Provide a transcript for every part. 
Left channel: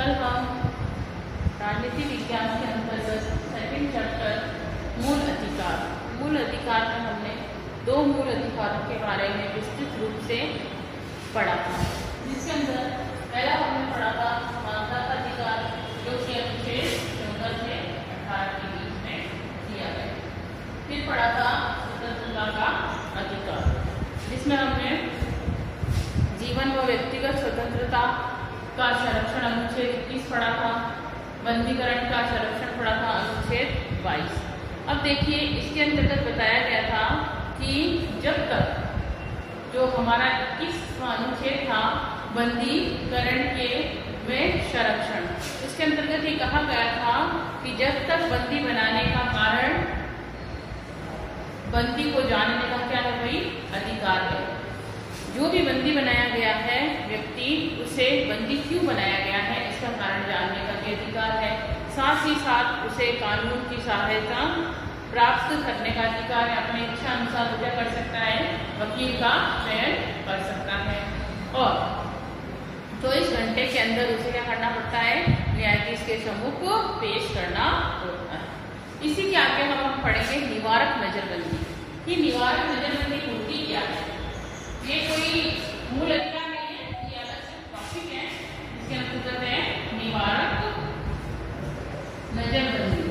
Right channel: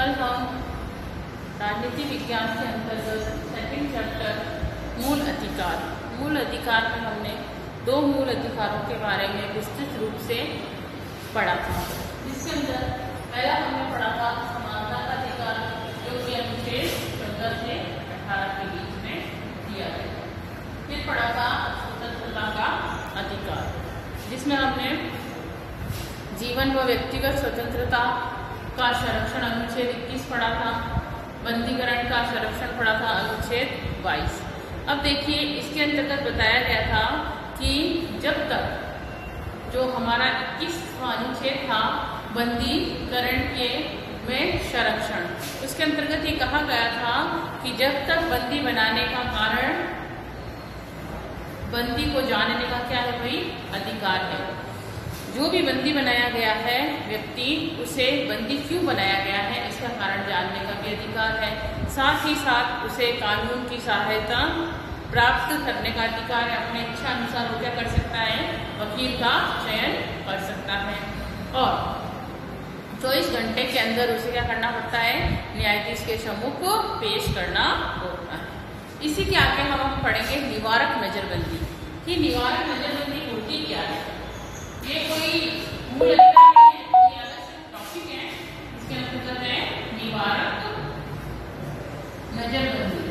कल हम राजनीति विज्ञान के अंतर्गत सेकंड चैप्टर मूल अधिकार में हमने दो मूल अधिकारों के बारे में विस्तृत रूप से पढ़ा था, जिसके अंदर पहला हमने पढ़ा था समानता का अधिकार, जो कि अनुच्छेद 14 से 18 के बीच में दिया गया। फिर पढ़ा था स्वतंत्रता का अधिकार, जिसमें हमने जीवन व व्यक्तिगत स्वतंत्रता का संरक्षण अनुच्छेद 21 पढ़ा था, बंदीकरण का संरक्षण पढ़ा था अनुच्छेद 22। अब देखिए, इसके अंतर्गत बताया गया था कि जब तक जो हमारा 21वां अनुच्छेद था बंदीकरण के में संरक्षण, उसके अंतर्गत ये कहा गया था कि जब तक बंदी बनाने का कारण बंदी को जानने का क्या है भाई, अधिकार है। जो भी बंदी बनाया गया है व्यक्ति, उसे बंदी क्यों बनाया गया है इसका कारण जानने का भी अधिकार है। साथ ही साथ उसे कानून की सहायता प्राप्त करने का अधिकार है। अपने इच्छा अनुसार वो क्या कर सकता है, वकील का चयन कर सकता है। और 24 घंटे के अंदर उसे क्या करना पड़ता है, न्यायाधीश के सम्मुख पेश करना होता है। इसी के आगे हम पढ़ेंगे निवारक नजरबंदी कि निवारक नजरबंदी होती क्या है। ये कोई मूल अधिकार नहीं है, ये अलग टॉपिक है। इसके अंतर्गत है निवारक नजरबंदी।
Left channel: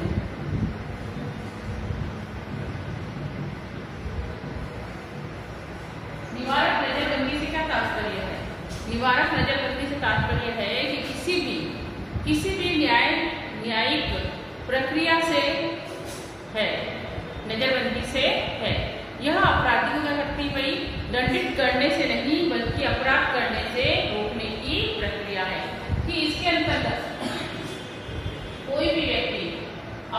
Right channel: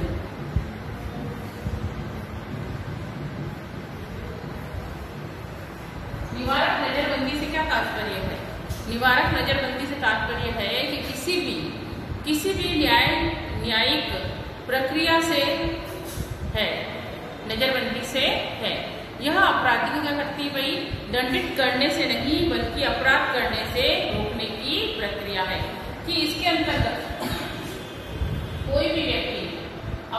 निवारक नजरबंदी से क्या तात्पर्य है? निवारक नजरबंदी से तात्पर्य है कि किसी भी न्यायिक प्रक्रिया से है, नजरबंदी से है। यह अपराधी को क्या करती है भाई, दंडित करने से नहीं बल्कि अपराध करने से रोकने की प्रक्रिया है। कि इसके अंतर्गत कोई भी व्यक्ति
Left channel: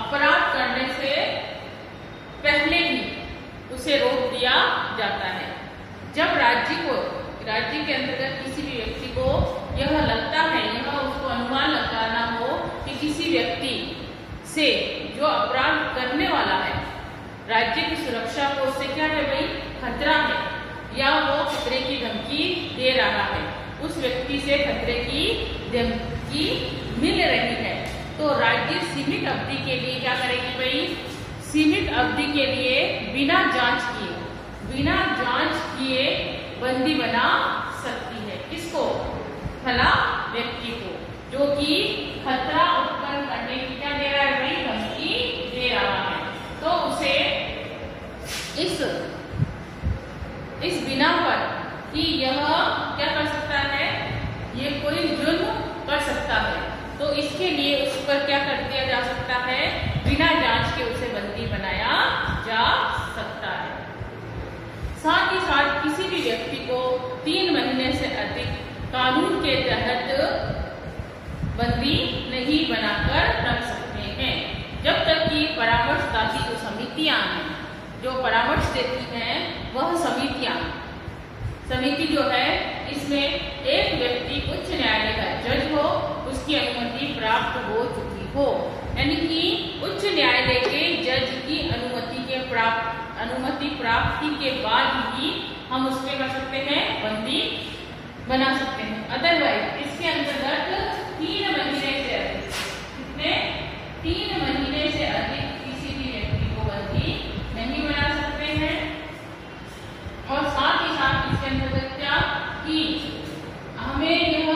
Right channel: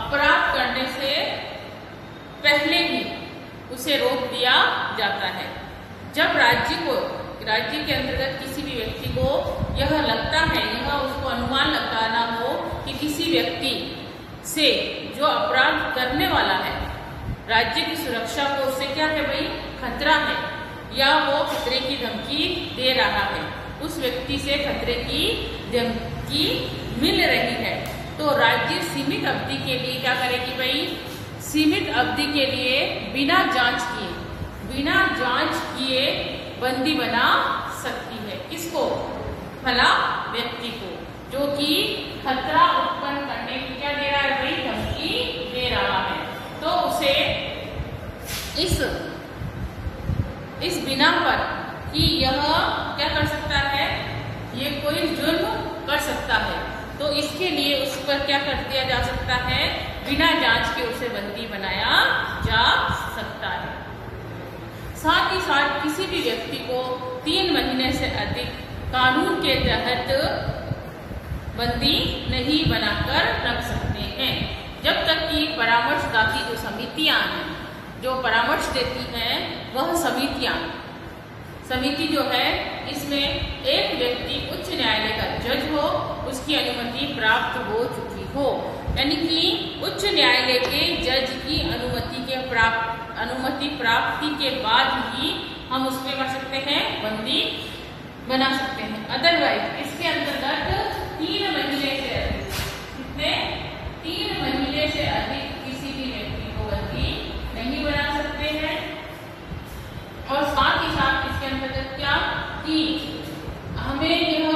अपराध करने से पहले ही उसे रोक दिया जाता है। जब राज्य के अंतर्गत किसी भी व्यक्ति को यह लगता है, यह उसको अनुमान लगाना हो कि किसी व्यक्ति से जो अपराध करने वाला है, राज्य की सुरक्षा को उससे क्या है भाई, खतरा है, या वो खतरे की धमकी दे रहा है, उस व्यक्ति से खतरे की धमकी मिल रही है, तो राज्य सीमित अवधि के लिए क्या करेगी भाई, सीमित अवधि के लिए बिना जांच किए बंदी बना सकती है। किसको? भला व्यक्ति को, जो कि खतरा उत्पन्न करने की क्या दे रहा है भाई, धमकी दे रहा है। तो उसे इस बिना पर कि यह क्या कर सकता है, ये कोई जुर्म कर सकता है, तो इसके लिए उस पर क्या कर दिया जा सकता है, बिना जांच के उसे बंदी बनाया जा सकता है। साथ ही साथ किसी भी व्यक्ति को 3 महीने से अधिक कानून के तहत बंदी नहीं बनाकर रख सकते हैं, जब तक कि परामर्शदात्री जो समितियां हैं, जो परामर्श देती हैं, वह समिति जो है, इसमें एक व्यक्ति उच्च न्यायालय का जज हो, उसकी अनुमति प्राप्त हो चुकी हो, यानी कि उच्च न्यायालय के जज की अनुमति प्राप्ति के बाद ही हम उसमें कर सकते हैं, बंदी बना सकते हैं। अदरवाइज इसके अंतर्गत 3 महीने से अधिक, कितने, 3 महीने से अधिक किसी भी व्यक्ति को बंदी नहीं बना सकते हैं। और साथ ही साथ इसके अंतर्गत क्या कि हमें यह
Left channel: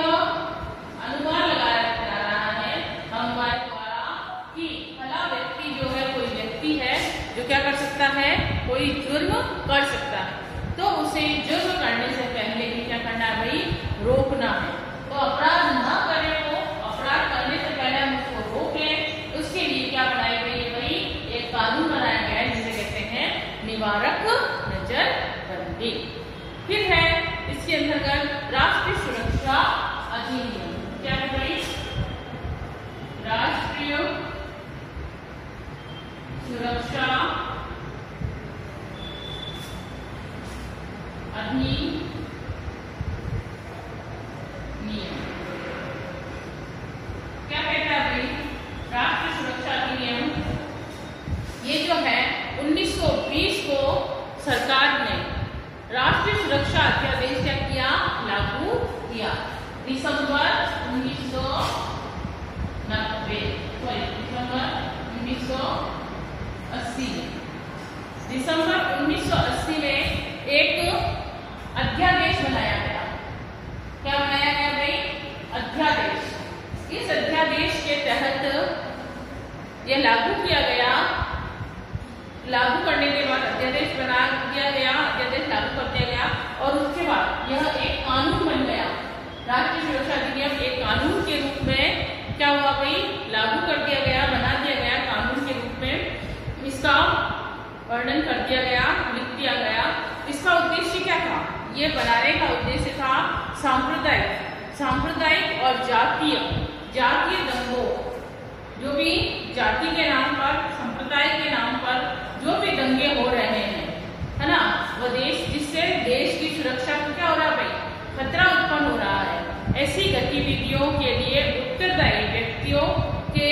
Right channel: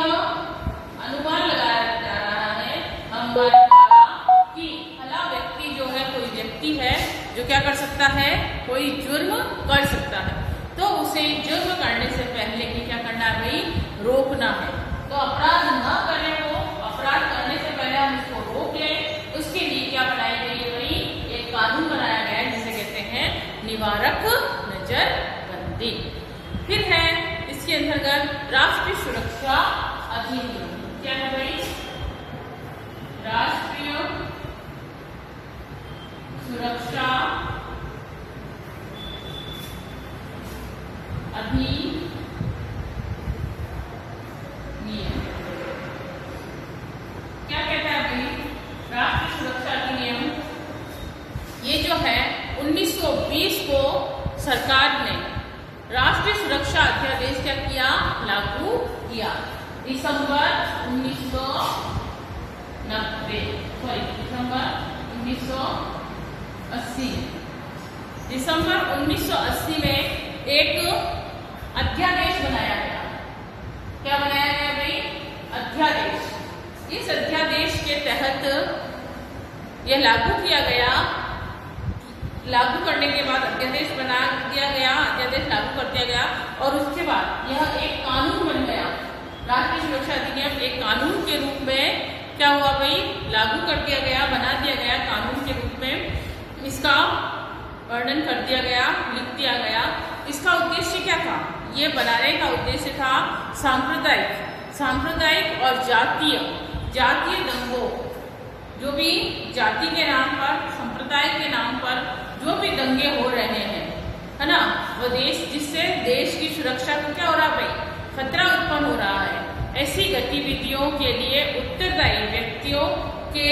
अनुमान लगाया जा रहा है हमारे द्वारा कि भला व्यक्ति जो है, कोई व्यक्ति है जो क्या कर सकता है, कोई जुर्म कर सकता है, तो उसे जुर्म करने से पहले ही क्या करना है भाई, रोकना है। तो अपराध न करे, वो अपराध करने से पहले हम उसको रोक लें, उसके लिए क्या बनाई गई है भाई, एक कानून बनाया गया है जिसे कहते हैं निवारक नजरबंदी। फिर है इसके अंतर्गत राष्ट्रीय सुरक्षा अधिनियम। क्या है भाई, राष्ट्रीय सुरक्षा अधिनियम। क्या कहता है भाई, राष्ट्रीय सुरक्षा अधिनियम, ये जो है 1920 को सरकार ने राष्ट्रीय सुरक्षा अध्यादेश क्या किया, लागू किया। दिसंबर 1920 दिसंबर 1980 में एक अध्यादेश बनाया गया। क्या बनाया गया भाई? अध्यादेश। इस अध्यादेश के तहत यह लागू किया गया। लागू करने के बाद अध्यादेश बना दिया गया, अध्यादेश लागू कर दिया गया और उसके बाद यह एक कानून बन गया। राष्ट्रीय सुरक्षा अधिनियम एक कानून के रूप में क्या हुआ भाई? लागू कर दिया गया, बना दिया गया कानून के रूप में। इसका वर्णन कर दिया गया, लिख दिया गया। इसका उद्देश्य क्या था? ये बनाने का उद्देश्य था सांप्रदायिक और जातीय दंगों, जो भी जाति के नाम पर, संप्रदाय के नाम पर जो भी दंगे हो रहे हैं, है ना, वो जिससे देश की सुरक्षा को क्या हो रहा है भाई? खतरा उत्पन्न हो रहा है। ऐसी गतिविधियों के लिए उत्तरदायी व्यक्तियों के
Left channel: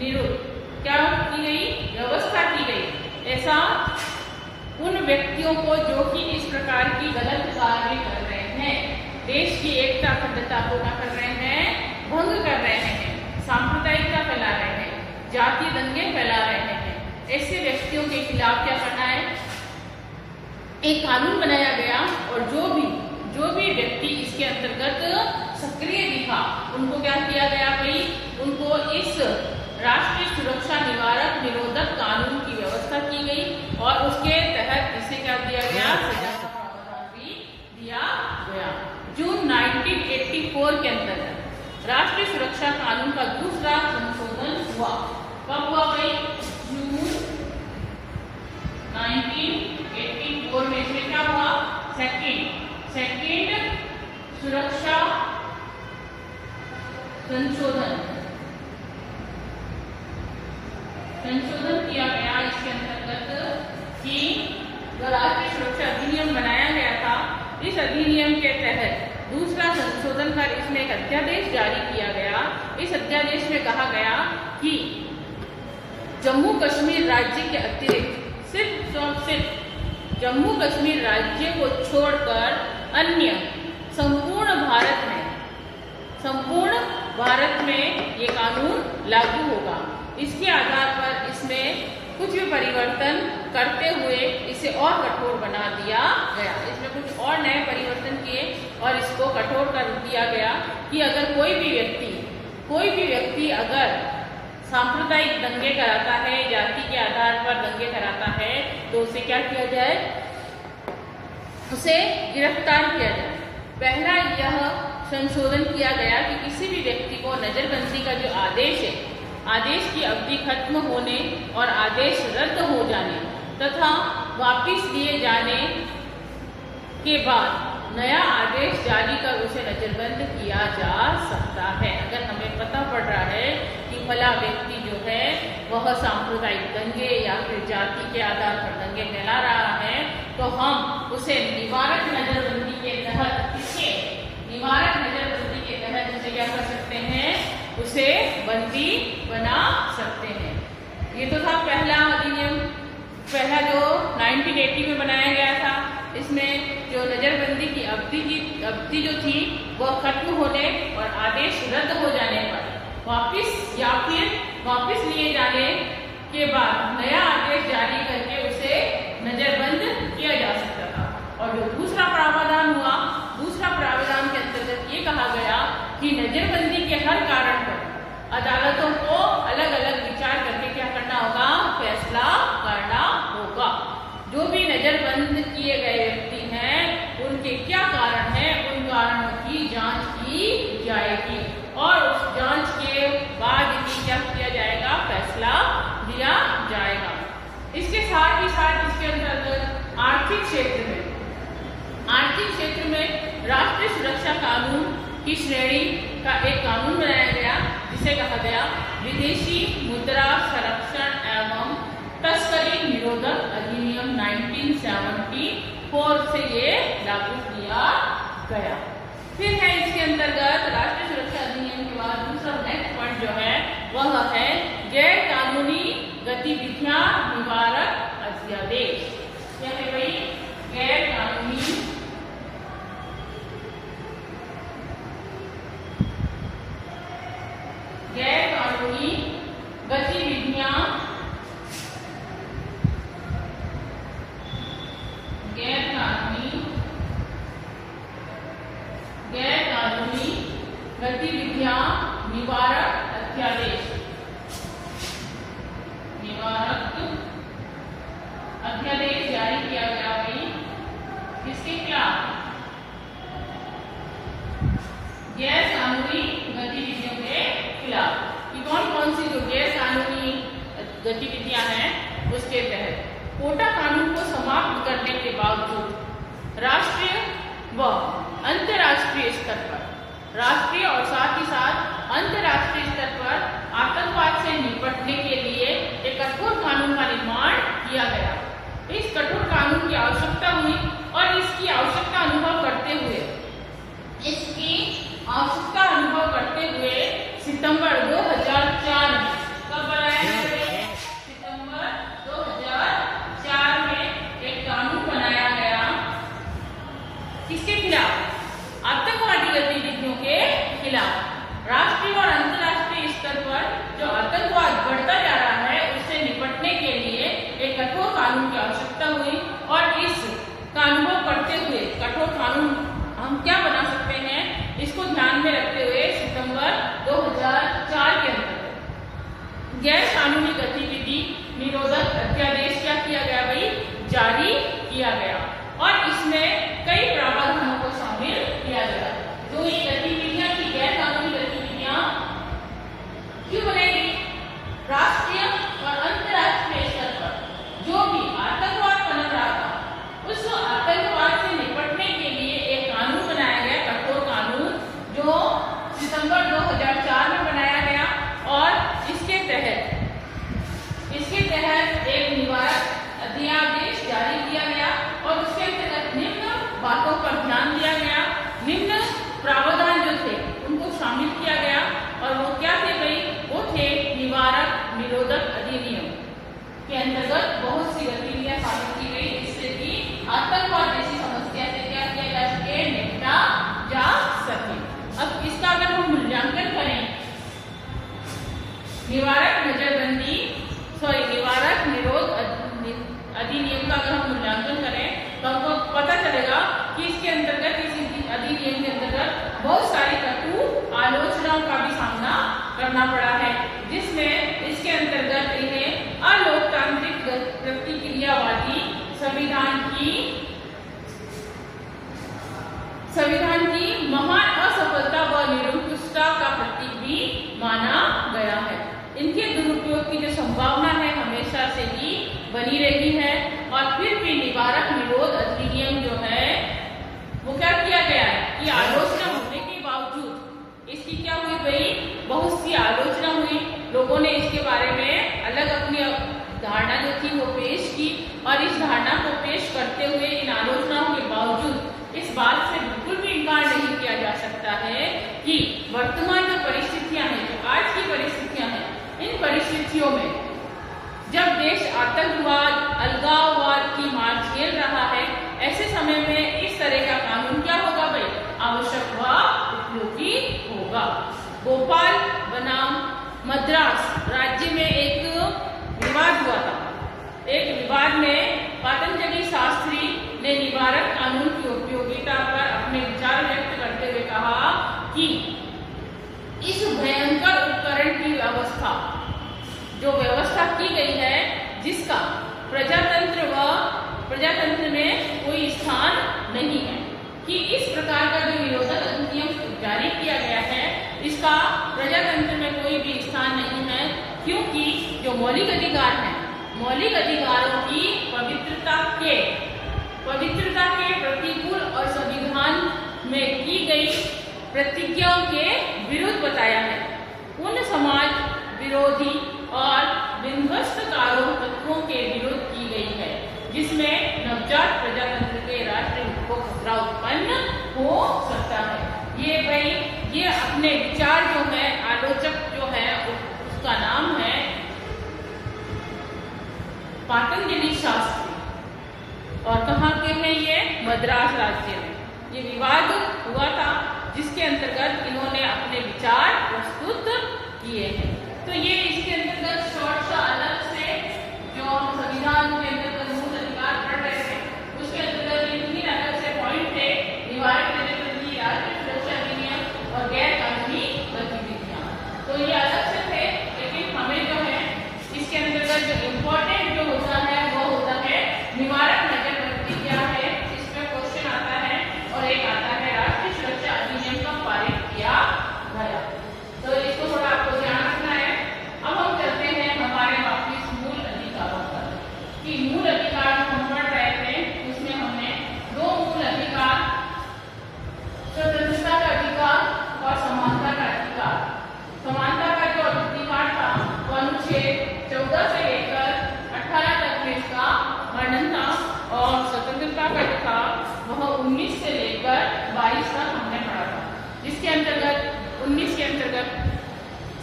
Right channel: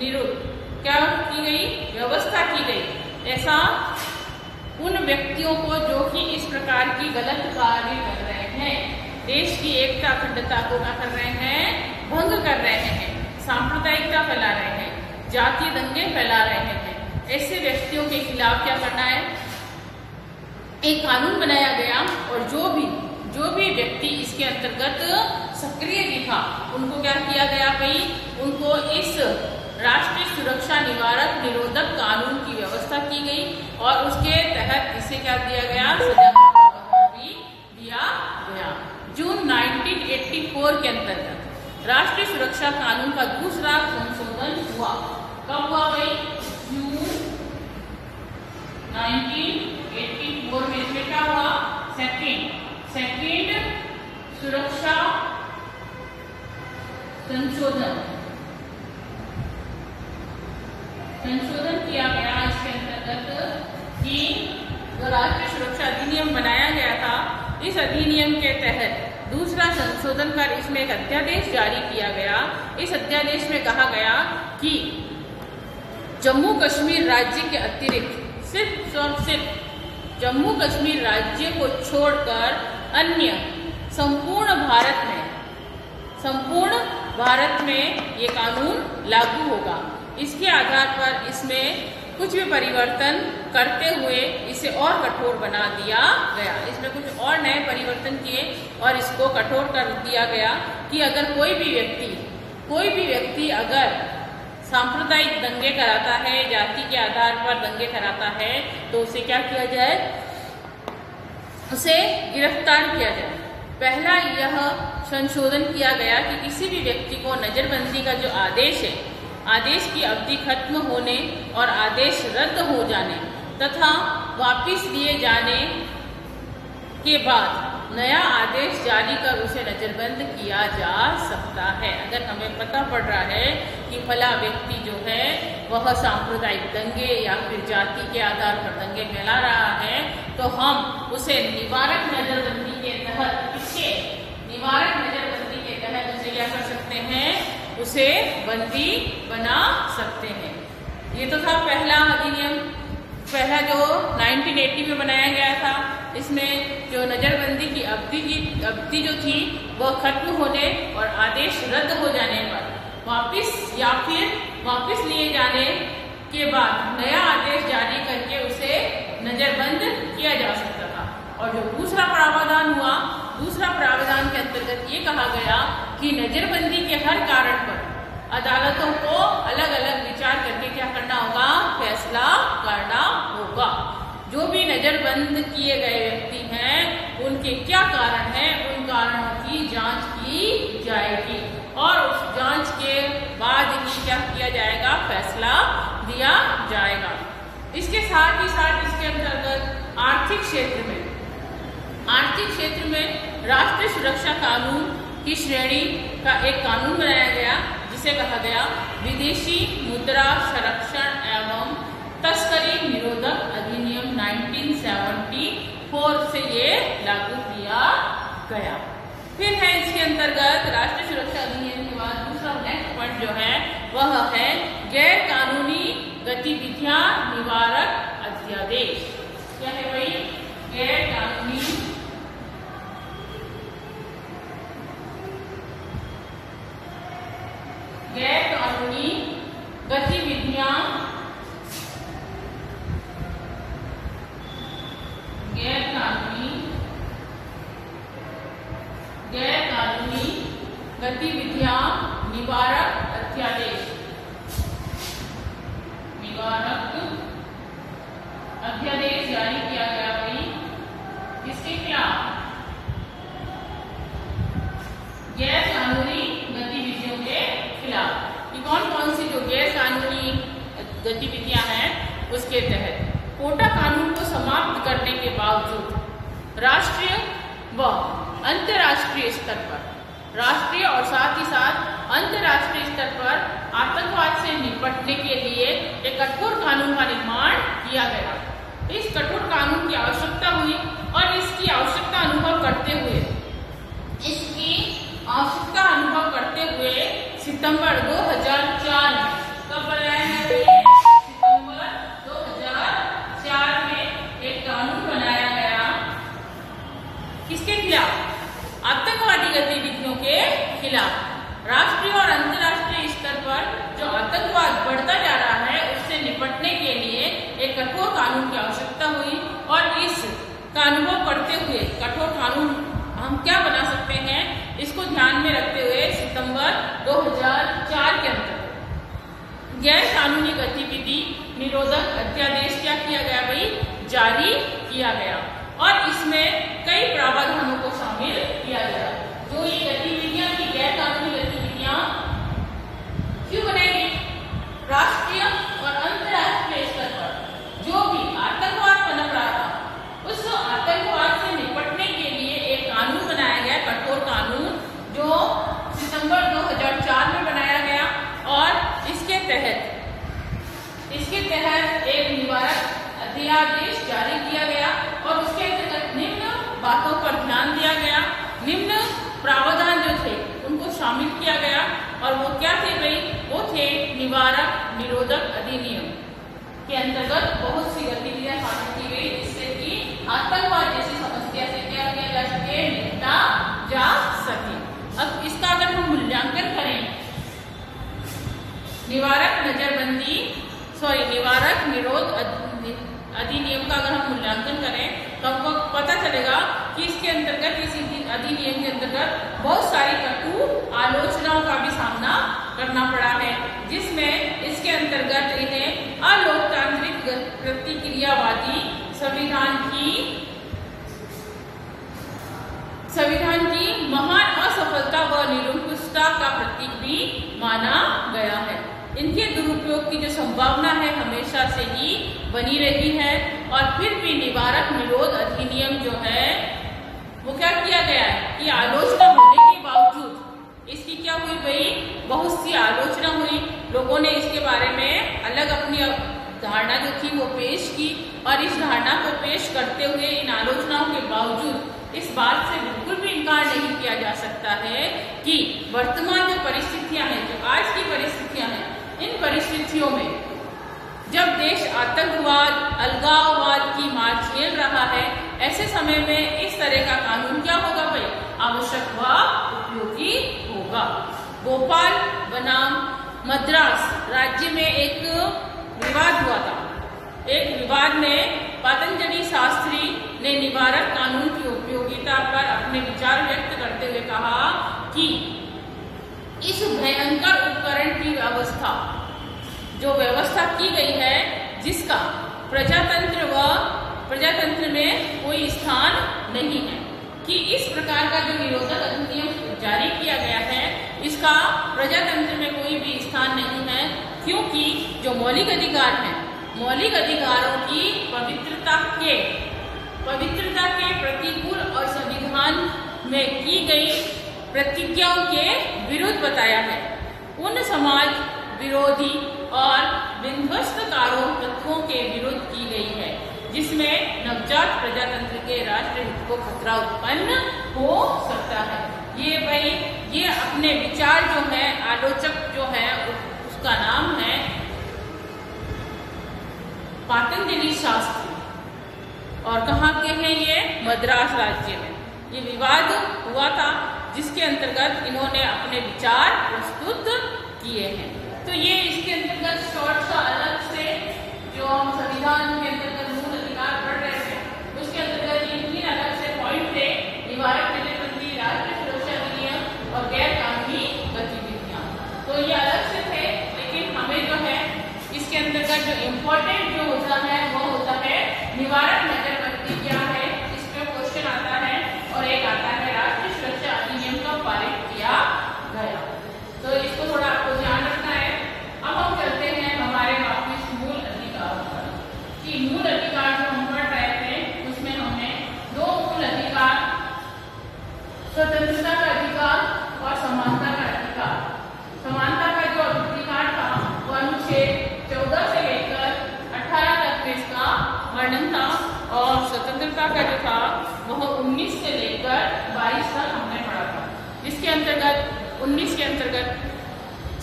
विरुद्ध क्या की गई? व्यवस्था की गई। ऐसा उन व्यक्तियों को जो कि इस प्रकार की गलत कार्य कर रहे हैं, देश की एकता अखंडता को क्या कर रहे हैं? भंग कर रहे हैं, सांप्रदायिकता फैला रहे हैं, जातीय दंगे फैला रहे हैं। ऐसे व्यक्तियों के खिलाफ क्या करना है? एक कानून बनाया गया और जो भी व्यक्ति इसके अंतर्गत सक्रिय दिखा उनको क्या किया गया भाई? उनको इस राष्ट्रीय सुरक्षा निरोधक कानून की व्यवस्था की गई और उसके तहत इसे क्या दिया गया? सजा का प्रावधान भी दिया गया। जून 1984 के अंतर्गत राष्ट्रीय सुरक्षा कानून का दूसरा संशोधन हुआ। कब हुआ भाई? जून 1984 में। इसमें क्या हुआ? सेकेंड सुरक्षा संशोधन किया गया। इसके अंतर्गत कि जो राष्ट्रीय सुरक्षा अधिनियम बनाया गया था, इस अधिनियम के तहत दूसरा संशोधन कर इसमें एक अध्यादेश जारी किया गया। इस अध्यादेश में कहा गया कि जम्मू कश्मीर राज्य के अतिरिक्त सिर्फ जम्मू कश्मीर राज्य को छोड़कर अन्य संपूर्ण भारत में ये कानून लागू होगा। इसके आधार पर इसमें कुछ भी परिवर्तन करते हुए इसे और कठोर बना दिया गया। इसमें कुछ और नए परिवर्तन किए और इसको कठोर कर दिया गया कि अगर कोई भी व्यक्ति अगर सांप्रदायिक दंगे कराता है, जाति के आधार पर दंगे कराता है, तो उसे क्या किया जाए? उसे गिरफ्तार किया जाए। पहला यह संशोधन किया गया कि किसी भी व्यक्ति को नजरबंदी का जो आदेश है, आदेश की अवधि खत्म होने और आदेश रद्द हो जाने तथा वापस लिए जाने के बाद नया आदेश जारी कर उसे नजरबंद किया जा सकता है। अगर हमें पता पड़ रहा है कि फला व्यक्ति जो है वह सांप्रदायिक दंगे या फिर जाति के आधार पर दंगे फैला रहा है, तो हम उसे निवारक नजरबंदी के तहत उसे क्या कर सकते हैं? उसे बंदी बना सकते हैं। ये तो था पहला अधिनियम, पहला जो 1980 में बनाया गया था। इसमें जो नजरबंदी की अवधि जो थी वह खत्म होने और आदेश रद्द हो जाने पर वापस लिए जाने के बाद नया आदेश जारी करके उसे नजरबंद किया जा सकता था। और जो दूसरा प्रावधान हुआ, दूसरा प्रावधान के अंतर्गत ये कहा गया कि नजरबंदी के हर कारण पर अदालतों को अलग अलग विचार करके क्या करना होगा? फैसला करना होगा। जो भी नजरबंद किए गए व्यक्ति हैं उनके क्या कारण हैं, उन कारणों की जांच की जाएगी और उस जांच के बाद ही क्या किया जाएगा? फैसला दिया जाएगा। इसके साथ ही इसके अंतर्गत आर्थिक क्षेत्र में राष्ट्रीय सुरक्षा कानून की श्रेणी का एक कानून बनाया गया, जिसे कहा गया विदेशी मुद्रा संरक्षण एवं तस्करी निरोधक अधिनियम 1974 से ये लागू किया गया। फिर है इसके अंतर्गत राष्ट्रीय सुरक्षा अधिनियम के बाद दूसरा नेक्स्ट पॉइंट जो है वह है गैर कानूनी गतिविधियां निवारक अध्यादेश। क्या है भाई? गैर कानूनी गैर गतिविधियां निवारक अध्यादेश, निवारक अध्यादेश जारी किया गया भाई किसके खिलाफ? गैर कानूनी गतिविधियों के खिलाफ। ये कौन कौन सी जो गैर कानूनी गतिविधियां हैं उसके तहत कोटा कानून को समाप्त करने के बावजूद राष्ट्रीय व अंतर्राष्ट्रीय स्तर पर, राष्ट्रीय और साथ ही साथ अंतर्राष्ट्रीय स्तर पर आतंकवाद से निपटने के लिए एक कठोर कानून का निर्माण किया गया। इस कठोर कानून की आवश्यकता हुई और इसकी आवश्यकता अनुभव करते हुए सितंबर 2004 में कब बनाया गया? सितंबर 2004 में एक कानून बनाया गया। किसके खिलाफ? आतंकवादी गतिविधियों के खिलाफ। राष्ट्रीय और अंतर्राष्ट्रीय स्तर पर जो आतंकवाद बढ़ता जा रहा है उससे निपटने के लिए एक कठोर कानून की आवश्यकता हुई और इस कानून को करते हुए कठोर कानून हम क्या बना सकते हैं इसको ध्यान में रखते हुए सितंबर 2004 के अंतर्गत गैर कानूनी गतिविधि निरोधक अध्यादेश क्या किया गया भाई? जारी किया गया और इसमें कई प्रावधानों को शामिल किया गया। जो ये गतिविधियां की गैर कानूनी गतिविधियां क्यों बनाई गई? राष्ट्रीय और अंतर्राष्ट्रीय स्तर पर जो भी आतंकवाद पनप रहा था उस आतंकवाद से निपटने के लिए एक कानून बनाया गया, कठोर कानून, जो सितंबर 2004 में बनाया गया और इसके तहत एक निवारक अध्यादेश जारी किया गया और उसके अंतर्गत निम्न बातों पर ध्यान दिया गया, निम्न प्रावधान जो थे उनको शामिल किया गया और वो क्या थे भाई? वो थे निवारक निरोधक अधिनियम के अंतर्गत बहुत सी गतिविधियां शामिल की गई जिससे कि आतंकवाद जैसी समस्या से क्या किया जा सके? निपटा जा सके। अब इसका अगर हम मूल्यांकन करें, निवारक निरोध अधिनियम का अगर हम मूल्यांकन करें तो हमको पता चलेगा कि इसके अंतर्गत, इस अधिनियम के अंतर्गत बहुत सारी कटु आलोचनाओं का भी सामना करना पड़ा है, जिसमें इसके अंतर्गत इन्हें अलोकतांत्रिक प्रतिक्रियावादी संविधान की महान असफलता व निरंकुशता का प्रतीक भी माना गया है। इनके दुरुपयोग की जो संभावना है हमेशा से ही बनी रही है और फिर भी निवारक निरोध अधिनियम जो है वो क्या किया गया है कि आलोचना होने के बावजूद इसकी क्या हुई भाई? बहुत सी आलोचना हुई, लोगों ने इसके बारे में अलग अपनी धारणा जो थी वो पेश की और इस धारणा को पेश करते हुए इन आलोचनाओं के बावजूद इस बात से बिल्कुल भी इनकार नहीं किया जा सकता है कि वर्तमान जो परिस्थितियां हैं, जो आज की परिस्थितियां हैं, इन परिस्थितियों में जब देश आतंकवाद, अलगाववाद की मार झेल रहा है, ऐसे समय में इस तरह का कानून क्या होगा भाई? आवश्यक व उपयोगी होगा। भोपाल बनाम मद्रास राज्य में एक विवाद हुआ था। एक विवाद में पतंजलि शास्त्री ने निवारक कानून की उपयोगिता पर अपने विचार व्यक्त करते हुए कहा कि इस भयंकर उपकरण की व्यवस्था की गई है जिसका प्रजातंत्र में कोई स्थान नहीं है, कि इस प्रकार का जो निरोधक अधिनियम जारी किया गया है इसका प्रजातंत्र में कोई भी स्थान नहीं है, क्योंकि जो मौलिक अधिकार हैं, मौलिक अधिकारों की पवित्रता के प्रतिकूल और संविधान में की गई प्रतिज्ञाओं के विरुद्ध बताया है। उन समाज विरोधी और विध्वस्तकारों तत्वों के विरुद्ध की गई है जिसमें नवजात प्रजातंत्र के राष्ट्र हित को खतरा उत्पन्न हो सकता है। ये अपने विचार जो है, आलोचक जो है उसका नाम है पतंजलि शास्त्री और कहाँ के हैं ये? मद्रास राज्य में। ये विवाद हुआ था जिसके अंतर्गत इन्होंने अपने विचार प्रस्तुत किए हैं। तो ये इसके अंतर्गत शॉर्ट सा अलग से जो हम संविधान के अंतर्गत मूल अधिकार पढ़ रहे थे उसके अंतर्गत इन तीन अलग से पॉइंट थे: निवारक निरोधक, राष्ट्रीय सुरक्षा अधिनियम और गैर कानूनी स्वतंत्रता का जो था वह 19 से लेकर 22 तक हमने पढ़ा था, जिसके अंतर्गत 19 के अंतर्गत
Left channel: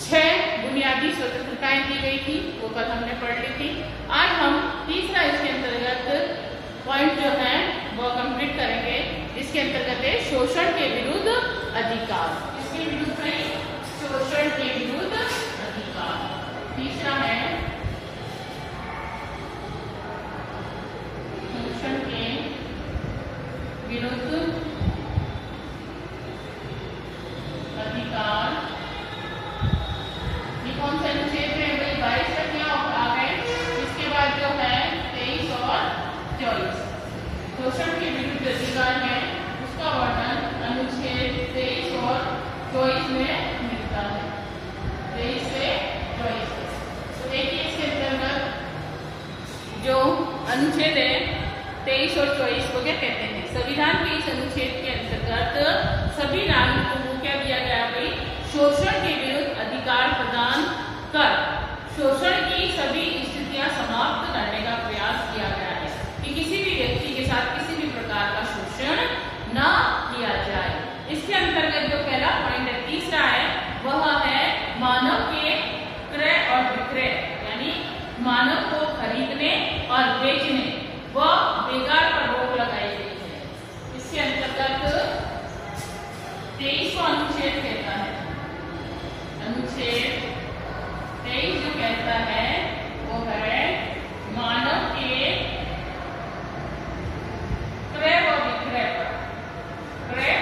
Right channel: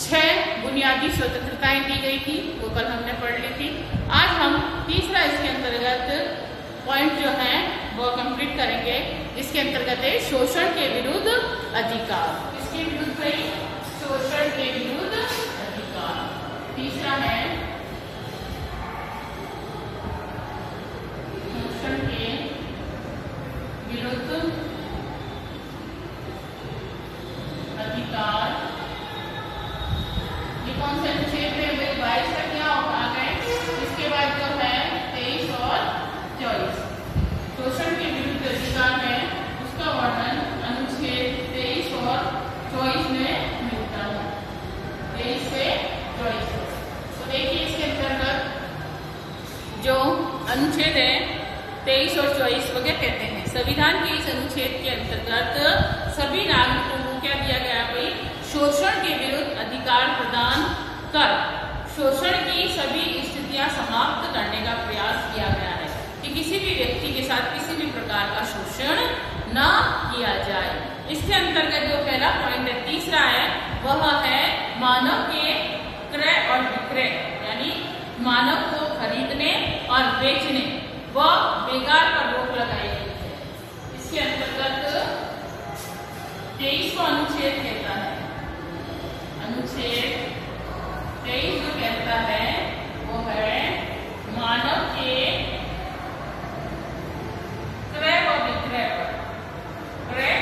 6 बुनियादी स्वतंत्रताएं दी गई थी, वो कल हमने पढ़ ली थी। आज हम तीसरा इसके अंतर्गत पॉइंट जो है वो कंप्लीट करेंगे, जिसके अंतर्गत है शोषण के विरुद्ध अधिकार। इसके विरुद्ध है शोषण के विरुद्ध अधिकार। तीसरा है शोषण के विरुद्ध अधिकार। ये कौन सा अनुच्छेद है भाई? 22 तक क्या आ गए, इसके बाद जो है 23 और 24 शोषण के विरुद्ध अधिकार है, उसका वर्णन अनुच्छेद 23 और 24 में मिलता है। 23 से 24। तो देखिए इसके अंतर्गत जो अनुच्छेद है 23 और 24 वो क्या कहते हैं? संविधान के इस अनुच्छेद के अंतर्गत सभी नागरिकों को क्या दिया गया भाई? शोषण के विरुद्ध अधिकार प्रदान कर शोषण की सभी स्थितियां समाप्त करने का प्रयास किया गया है कि किसी भी व्यक्ति के साथ किसी भी प्रकार का शोषण न किया जाए। इसके अंतर्गत जो पहला पॉइंट है, तीसरा है, वह है मानव के क्रय और विक्रय, यानी मानव को खरीदने और बेचने व बेकार पर रोक लगाई गई है। इसके अंतर्गत 23 को अनुच्छेद कहता है। अनुच्छेद 23 जो कहता है वो है मानव के क्रय व विक्रय पर, क्रय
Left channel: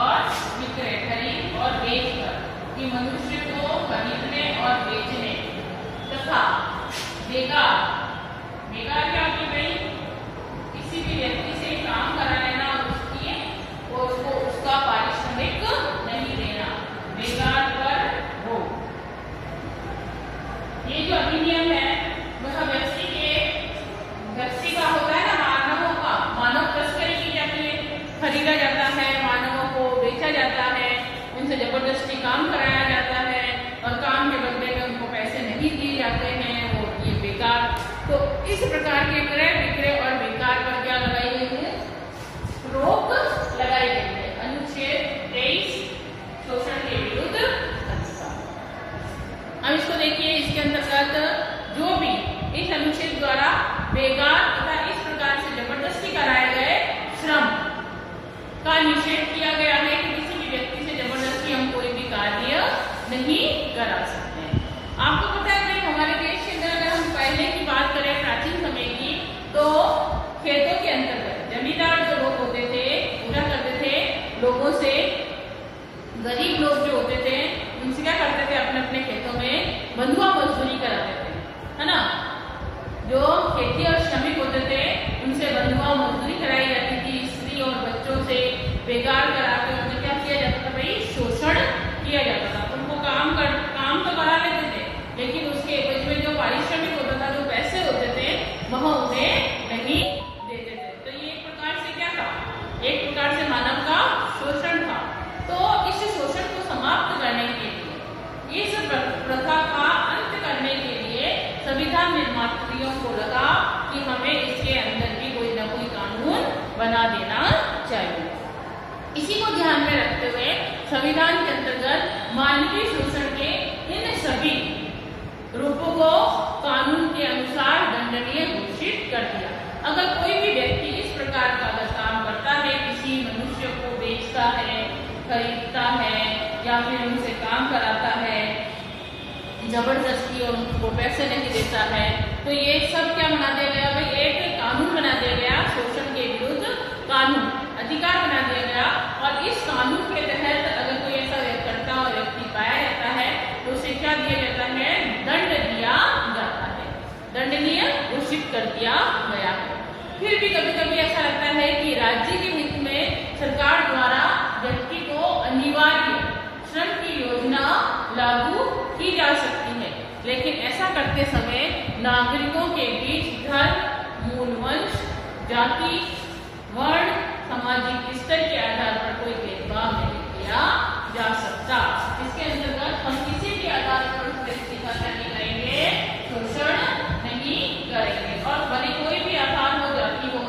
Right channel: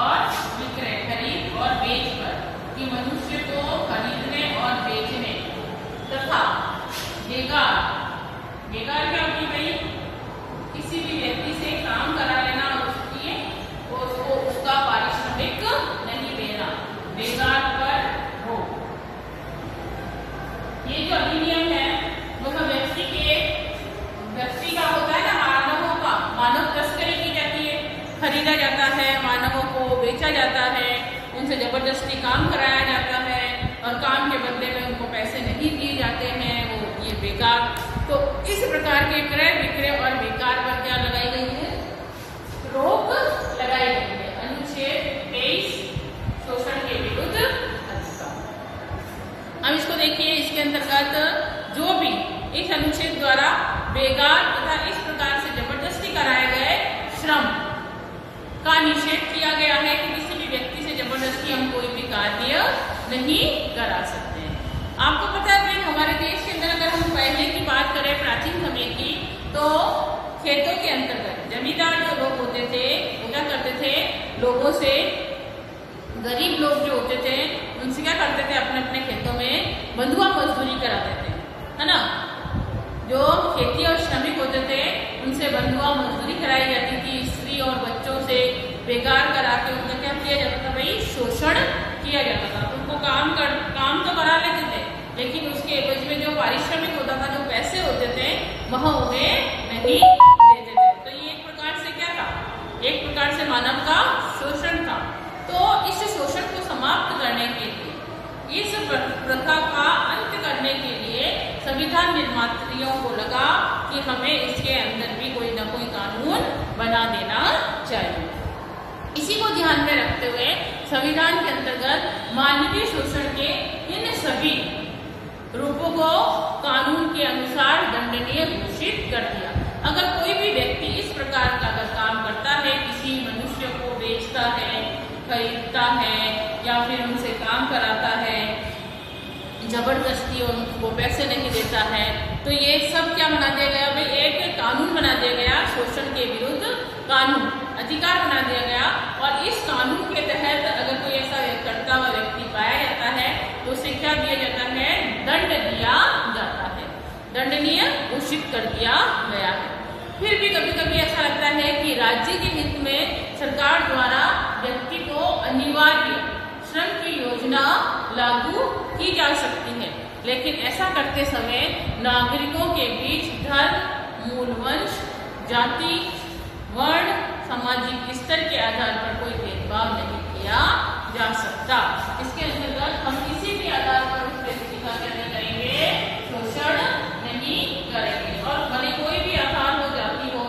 और विक्रय, खरीद और बेच पर, कि मनुष्य को खरीदने और बेचने तथा बेकार, बेकार क्या होगी भाई? किसी भी व्यक्ति से काम करा लेना और उसको उसका पारिश्रमिक नहीं देना, बेकार पर हो। ये जो अधिनियम है वह व्यक्ति का होता है ना, मानवों का, मानव तस्करी की जाती है, खरीदा जाता है, मानवों को बेचा जाता है, उनसे जबरदस्ती काम कराया जाता है और काम के बदले में उनको पैसे नहीं दिए जाते हैं, वो ये बेकार। तो इस प्रकार के क्रय विक्रय और बेकार पर क्या लगाई गई है? रोक लगाई गई है। अनुच्छेद 23 शोषण के विरुद्ध अधिकार। अब इसको देखिए, इसके अंतर्गत जो भी इस अनुच्छेद द्वारा बेकार तथा इस प्रकार से जबरदस्ती कराए गए श्रम का निषेध किया गया है कि किसी भी व्यक्ति से जबरदस्ती हम कोई भी कार्य नहीं करा सकते हैं। आपको पता है भाई, हमारे देश के अंदर अगर हम पहले की बात करें, प्राचीन समय की, तो खेतों के अंतर्गत जमींदार जो लोग होते थे वो क्या करते थे? लोगों से, गरीब लोग जो होते थे उनसे क्या करते थे? अपने अपने खेतों में बंधुआ मजदूरी कराते थे, है ना। जो खेती और श्रमिक होते थे उनसे बंधुआ मजदूरी कराई जाती थी, स्त्री और बच्चों से बेकार करा के उनका क्या किया जाता था भाई? शोषण किया जाता था। उनको काम तो करा लेते थे, लेकिन उसके एवज में जो पारिश्रमिक होता था, जो पैसे होते थे, वह उन्हें नहीं देते थे। तो ये एक प्रकार से क्या था? एक प्रकार से मानव का शोषण था। तो इस शोषण को समाप्त करने के लिए, इस प्रथा का अंत करने के लिए संविधान निर्माताओं को लगा कि हमें इसके अंदर भी कोई ना कोई कानून बना देना चाहिए। इसी को ध्यान में रखते हुए संविधान के अंतर्गत मानवीय शोषण के इन सभी रूपों को कानून के अनुसार दंडनीय घोषित कर दिया। अगर कोई भी व्यक्ति इस प्रकार का अगर काम करता है, किसी मनुष्य को बेचता है, खरीदता है या फिर उनसे काम कराता है जबरदस्ती और उनको पैसे नहीं देता है, तो ये सब क्या बना दिया गया भाई? एक कानून बना दिया गया, शोषण के विरुद्ध कानून, अधिकार बना दिया गया। और इस कानून के तहत अगर कोई ऐसा करता हुआ व्यक्ति पाया जाता है तो उसे क्या दिया जाता है? दंड दिया जाता है, दंडनीय घोषित कर दिया गया है। फिर भी कभी कभी ऐसा लगता है कि राज्य के हित में सरकार द्वारा व्यक्ति को अनिवार्य श्रम की योजना लागू की जा सकती है, लेकिन ऐसा करते समय नागरिकों के बीच धर्म, मूल वंश, जाति, वर्ण, सामाजिक स्तर के आधार पर कोई भेदभाव नहीं किया जा सकता। इसके अंतर्गत हम किसी भी आधार पर उस व्यक्ति का नहीं करेंगे, शोषण नहीं करेंगे। और भले कोई भी आधार हो, जाति हो,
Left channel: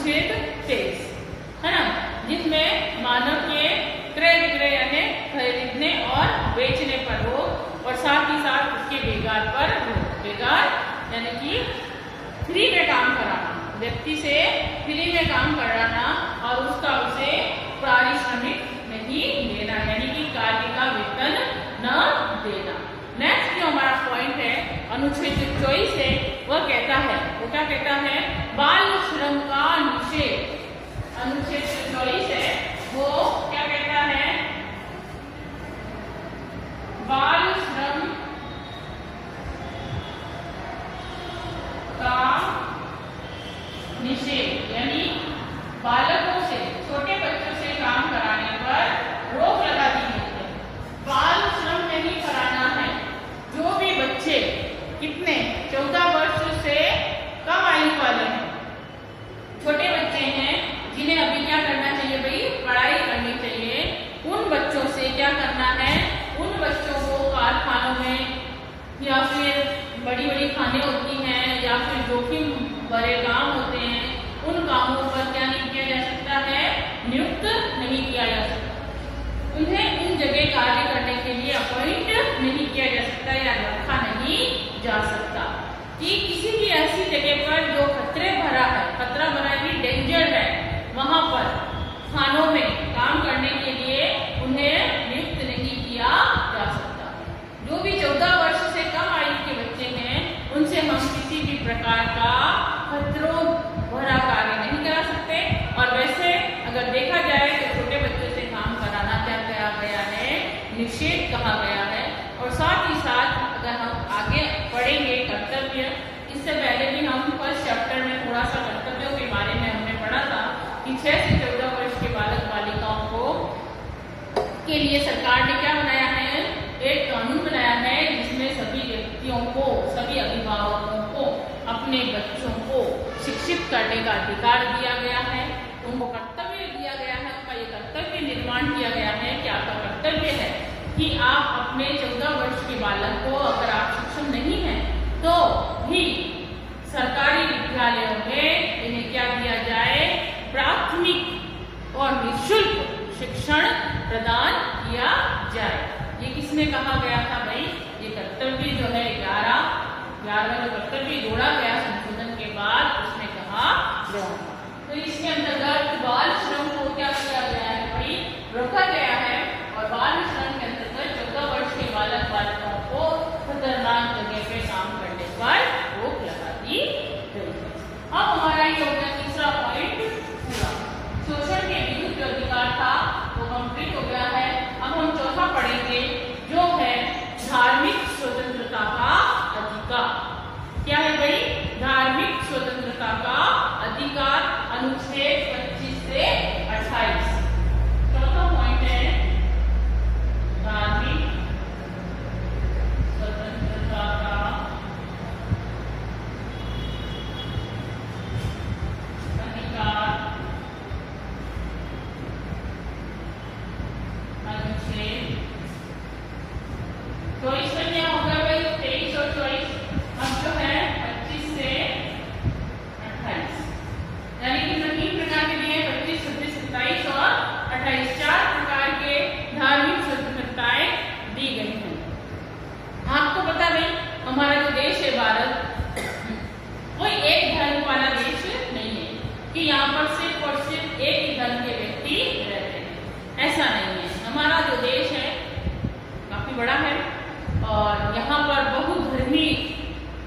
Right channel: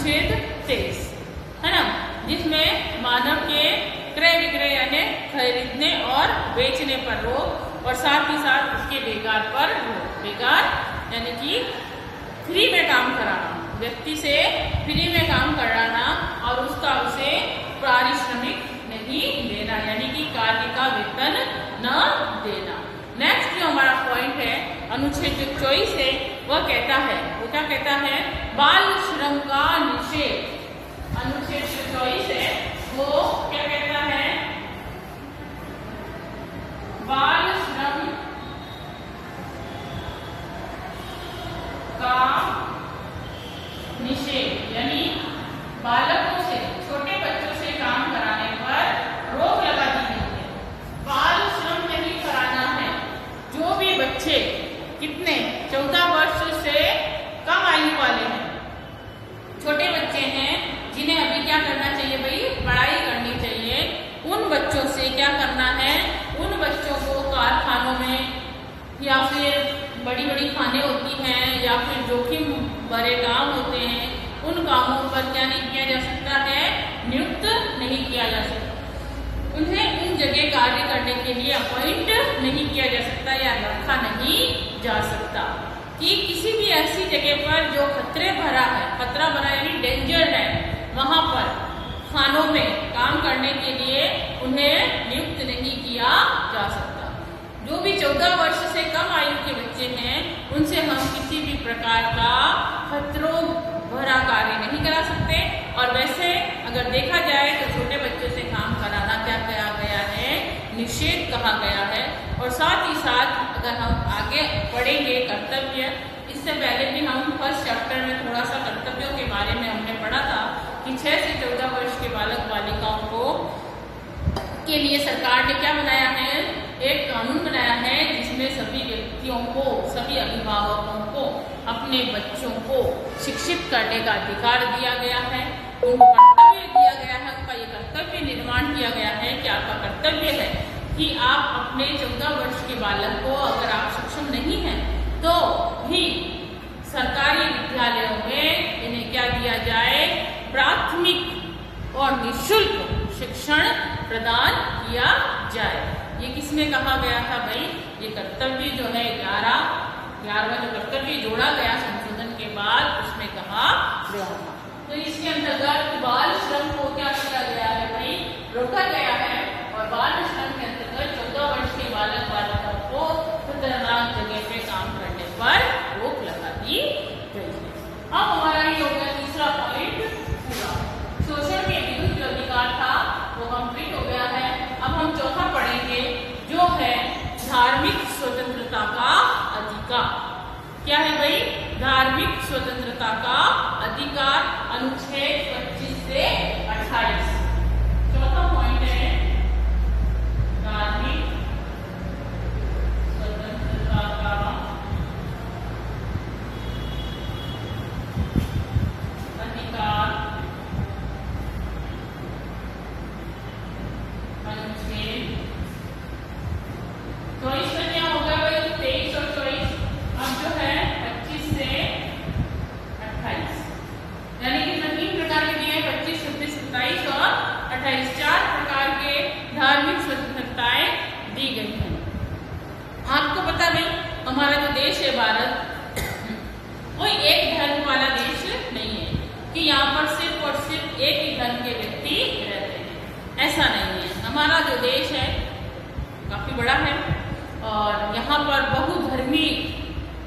अनुच्छेद 23, है ना, जिसमें मानव के क्रय विक्रय यानी खरीदने और बेचने पर रोक और साथ ही साथ उसके बेगार पर रोक। बेगार यानी कि फ्री में काम कराना, व्यक्ति से फ्री में काम कराना और उसका उसे पारिश्रमिक नहीं देना, यानी कि कार्य का वेतन न देना। नेक्स्ट जो हमारा पॉइंट है अनुच्छेद 24 है, वह कहता है, वो क्या कहता है, बाल श्रम का निषेध। अनुच्छेद 24 है, वो क्या कहता है, बाल श्रम का निषेध, यानी बालकों से, छोटे बच्चों से काम कराने पर रोक लगा दी गई है। बाल श्रम नहीं कराना है। जो भी बच्चे कितने 14 वर्ष से कम आयु वाले हैं, छोटे बच्चे हैं, जिन्हें अभी क्या करना चाहिए भाई, पढ़ाई करनी चाहिए, उन बच्चों से क्या करना है, उन बच्चों को कारखानों में या फिर बड़ी बड़ी खाने होती हैं या फिर जोखिम भरे काम होते हैं, उन कामों पर क्या नहीं किया जा सकता है, नियुक्त नहीं किया जा सकता। उन्हें उन जगह कार्य करने के लिए अपॉइंट नहीं किया जा सकता या रखा नहीं जा सकता। कि किसी भी ऐसी जगह पर जो खतरे भरा है, खतरा भरा यानी डेंजर है, वहां पर खानों में काम करने के लिए उन्हें नियुक्त नहीं किया जा सकता। जो भी 14 वर्ष से कम आयु के बच्चे हैं, उनसे हम किसी भी प्रकार का खतरों भरा कार्य नहीं करा सकते। और वैसे अगर देखा जाए तो छोटे बच्चों से काम कराना क्या कहा गया है, निषेध कहा गया है। और साथ ही साथ अगर हम आगे पढ़ेंगे कर्तव्य, इससे पहले भी हम फर्स्ट चैप्टर में थोड़ा सा कर्तव्यों के बारे में हमने पढ़ा था कि 6 से 14 वर्ष के बालक बालिकाओं को के लिए सरकार ने क्या बनाया है, एक कानून बनाया है, जिसमें सभी व्यक्तियों को, सभी अभिभावकों को अपने बच्चों को शिक्षित करने का अधिकार दिया गया है, उनको कर्तव्य दिया गया है, उनका ये कर्तव्य निर्माण किया गया है कि आपका कर्तव्य है कि आप अपने 14 वर्ष के बालक को, अगर आप सक्षम नहीं हैं तो भी सरकारी विद्यालयों में इन्हें क्या दिया जाए, प्राथमिक और निःशुल्क शिक्षण प्रदान किया जाए। ये किसने कहा गया था भाई, ये कर्तव्य जो है 11वां जो कर्तव्य जोड़ा गया संशोधन के बाद, उसमें कहा गया था। तो इसके अंतर्गत बाल श्रम को क्या किया गया है भाई, रोका गया है। और बाल श्रम के अंतर्गत 14 वर्ष के बालक बालिकाओं को खतरनाक जगह पे काम करने पर रोक लगा दी गई है। अब हमारा ये हो गया तीसरा पॉइंट पूरा। शोषण के विरुद्ध जो अधिकार था वो कंप्लीट हो गया है। अब हम चौथा पढ़ेंगे जो है धार्मिक स्वतंत्रता का अधिकार। क्या है भाई, धार्मिक स्वतंत्रता का अधिकार, अनुच्छेद 25 से 28। चौथा पॉइंट है धार्मिक स्वतंत्रता का अधिकार, अनुच्छेद 24 में क्या होगा भाई, 23 और 24, अब जो है 25 से 28, यानी कि 3 प्रकार के दिए, 25, 26, 27 और 28, 4 प्रकार के धार्मिक स्वतंत्रताएं दी गई हैं। आपको पता भाई, हमारा जो देश है भारत, कोई एक धर्म वाला देश नहीं है कि यहाँ पर सिर्फ और सिर्फ एक ही धर्म के व्यक्ति रहते हैं, ऐसा नहीं है। हमारा जो देश है काफी बड़ा है और यहाँ पर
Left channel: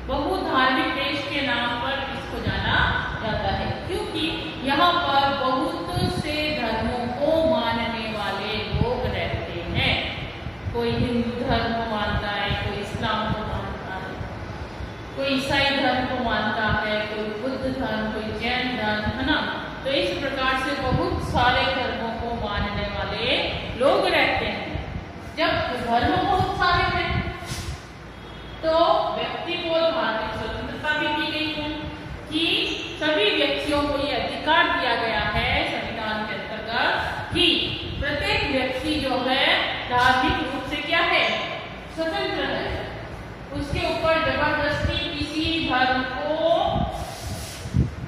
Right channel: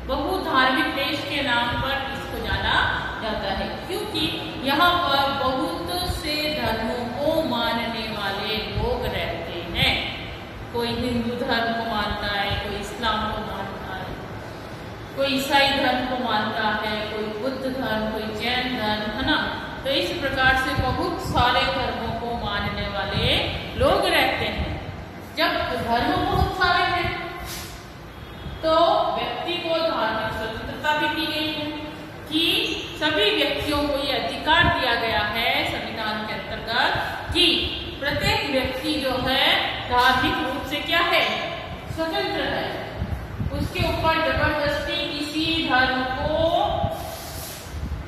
बहुधार्मिक देश के नाम पर इसको जाना जाता है, क्योंकि यहाँ पर बहुत से धर्मों को मानने वाले लोग रहते हैं। कोई हिंदू धर्म को मानता है, कोई इस्लाम को मानता है, कोई ईसाई धर्म को मानता है, कोई बुद्ध धर्म, कोई जैन धर्म, है ना। तो इस प्रकार से बहुत सारे धर्मों को मानने वाले लोग रहते हैं। जब धर्म बहुत सारे हैं तो व्यक्ति को धार्मिक स्वतंत्रता भी दी गई है कि सभी व्यक्तियों को ये अधिकार दिया गया है संविधान के अंतर्गत कि प्रत्येक व्यक्ति जो है धार्मिक रूप से क्या है, स्वतंत्र है। उसके ऊपर जबरदस्ती किसी धर्म को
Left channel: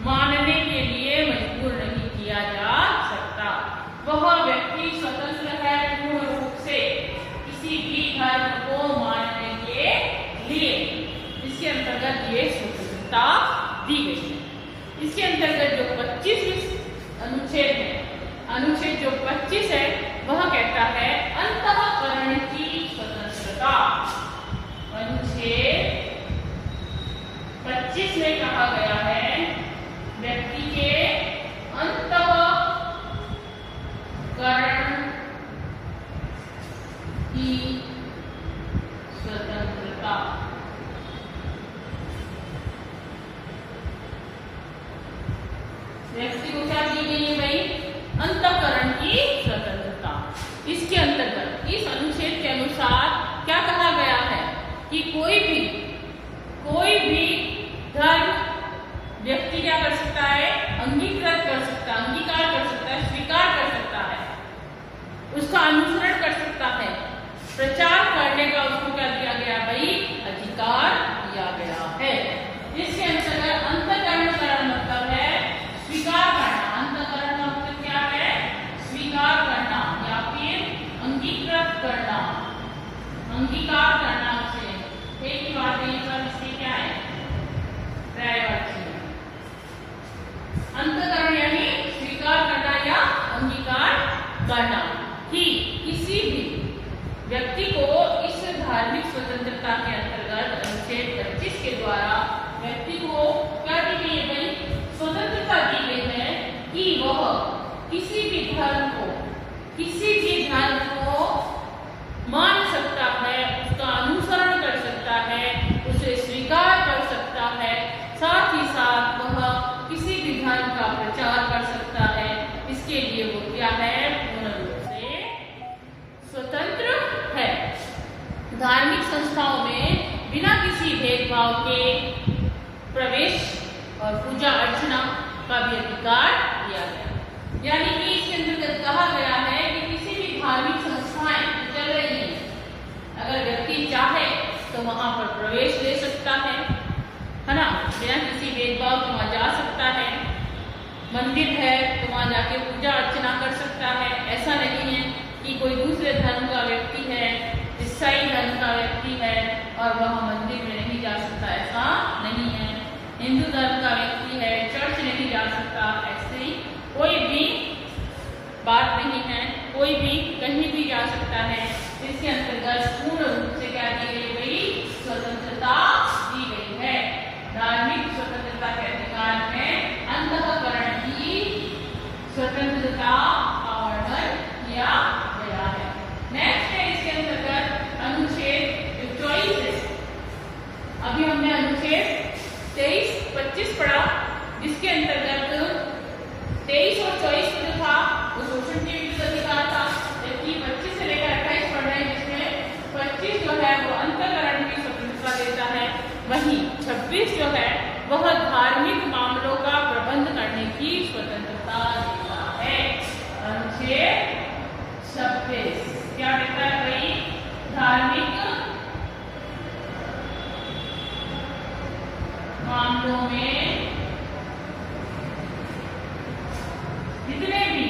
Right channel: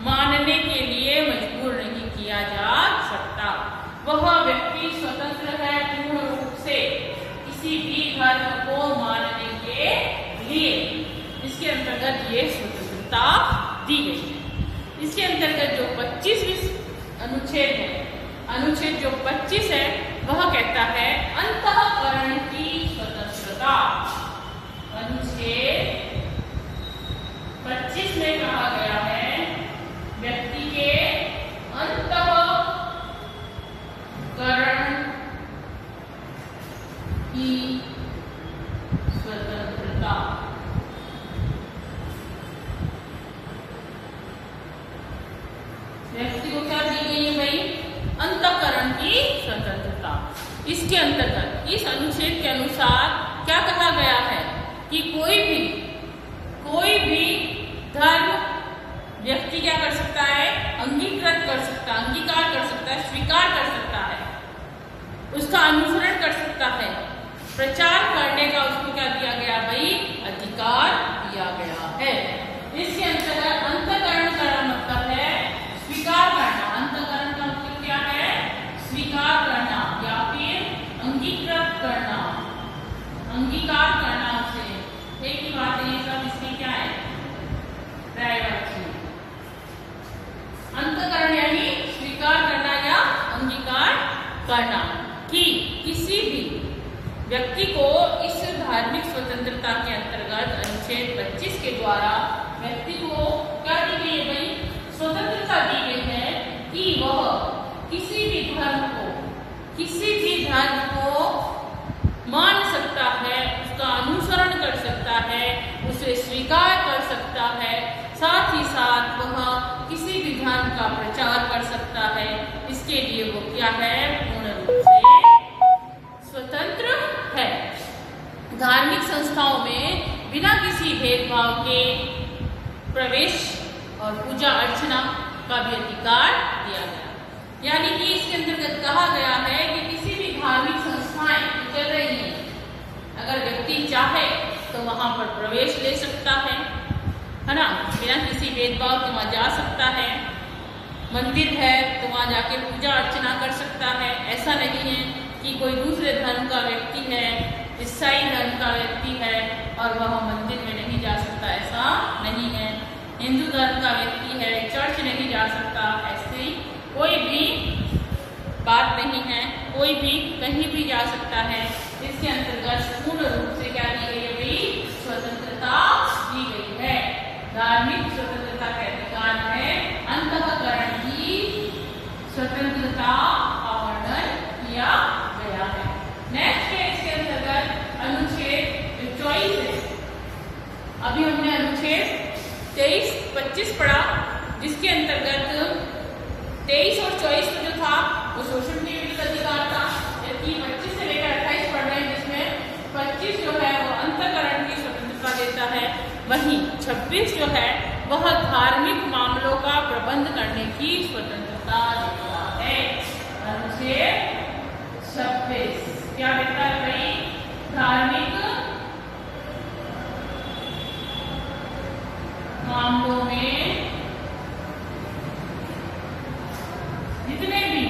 मानने के लिए मजबूर वह व्यक्ति स्वतंत्र है पूर्ण रूप से किसी भी धर्म को मानने के लिए। इसके अंतर्गत ये स्वतंत्रता दी गई है। इसके अंतर्गत जो 25वीं अनुच्छेद है, अनुच्छेद जो 25 है, वह कहता है अंतःकरण की स्वतंत्रता। अनुच्छेद 25 में कहा गया है व्यक्ति के अंतःकरण की स्वतंत्रता। व्यक्ति को क्या दी गई है भाई? अंतःकरण की स्वतंत्रता। इसके अंतर्गत इस अनुच्छेद के अनुसार क्या कहा गया है कि कोई भी धर्म व्यक्ति क्या कर सकता है? अंगीकृत कर सकता है, अंगीकार कर सकता है, स्वीकार कर सकता है, उसका अनुसरण कर सकता है, प्रचार करने का उसको क्या दिया गया भाई? अधिकार दिया गया है। इसके अंतर्गत अंतःकरण का मतलब है स्वीकार करना। अंतःकरण का मतलब क्या है? स्वीकार करना या फिर अंगीकृत करना, अंगीकार करना उसे। एक ही बात है, सब इसमें क्या है? पर्यायवाची। अंतःकरण यानी स्वीकार करना या अंगीकार करना कि किसी भी व्यक्ति को इस धार्मिक स्वतंत्रता के अंतर्गत अनुच्छेद 25 के द्वारा व्यक्ति को क्या दी गई है भाई? स्वतंत्रता दी गई है कि वह किसी भी धर्म को मान सकता है, उसका अनुसरण कर सकता है, उसे स्वीकार कर सकता है, साथ ही साथ वह किसी भी धर्म का प्रचार कर सकता है। इसके लिए वो क्या है? पूर्ण रूप से स्वतंत्र है। धार्मिक संस्थाओं में बिना किसी भेदभाव के प्रवेश और पूजा अर्चना का भी अधिकार दिया गया। यानी कि इसके अंतर्गत कहा गया है कि किसी भी धार्मिक संस्थाएं चल रही हैं, अगर व्यक्ति चाहे तो वहां पर प्रवेश ले सकता है ना, बिना किसी भेदभाव के वहां जा सकता है। मंदिर है तो वहां जाके पूजा अर्चना कर सकता है। ऐसा नहीं है कि कोई दूसरे धर्म का व्यक्ति है, ईसाई धर्म का व्यक्ति है और वह मंदिर में नहीं जा सकता, ऐसा नहीं है। हिंदू धर्म का व्यक्ति है, चर्च नहीं जा सकता, ऐसी कोई भी बात नहीं है। कोई भी कहीं भी जा सकता है। इसके अंतर्गत पूर्ण रूप से क्या दी गई है भाई? स्वतंत्रता दी गई है। धार्मिक स्वतंत्रता के अधिकार में अंतःकरण की स्वतंत्रता का वर्णन किया गया है। नेक्स्ट है इसके अंतर्गत अनुच्छेद 24 है। अभी हमने अनुच्छेद 23-25 पढ़ा, जिसके अंतर्गत 23 और 24 में जो था वो शोषण के विरुद्ध अधिकार था, जबकि 25 से लेकर 28 पढ़ रहे हैं, जिसमें 25 जो है वो अंतःकरण की स्वतंत्रता देता है, वहीं 26 जो है वह धार्मिक मामलों का प्रबंध करने की स्वतंत्रता देता है। अनुच्छेद 26 क्या देता है भाई? धार्मिक मामलों में जितने भी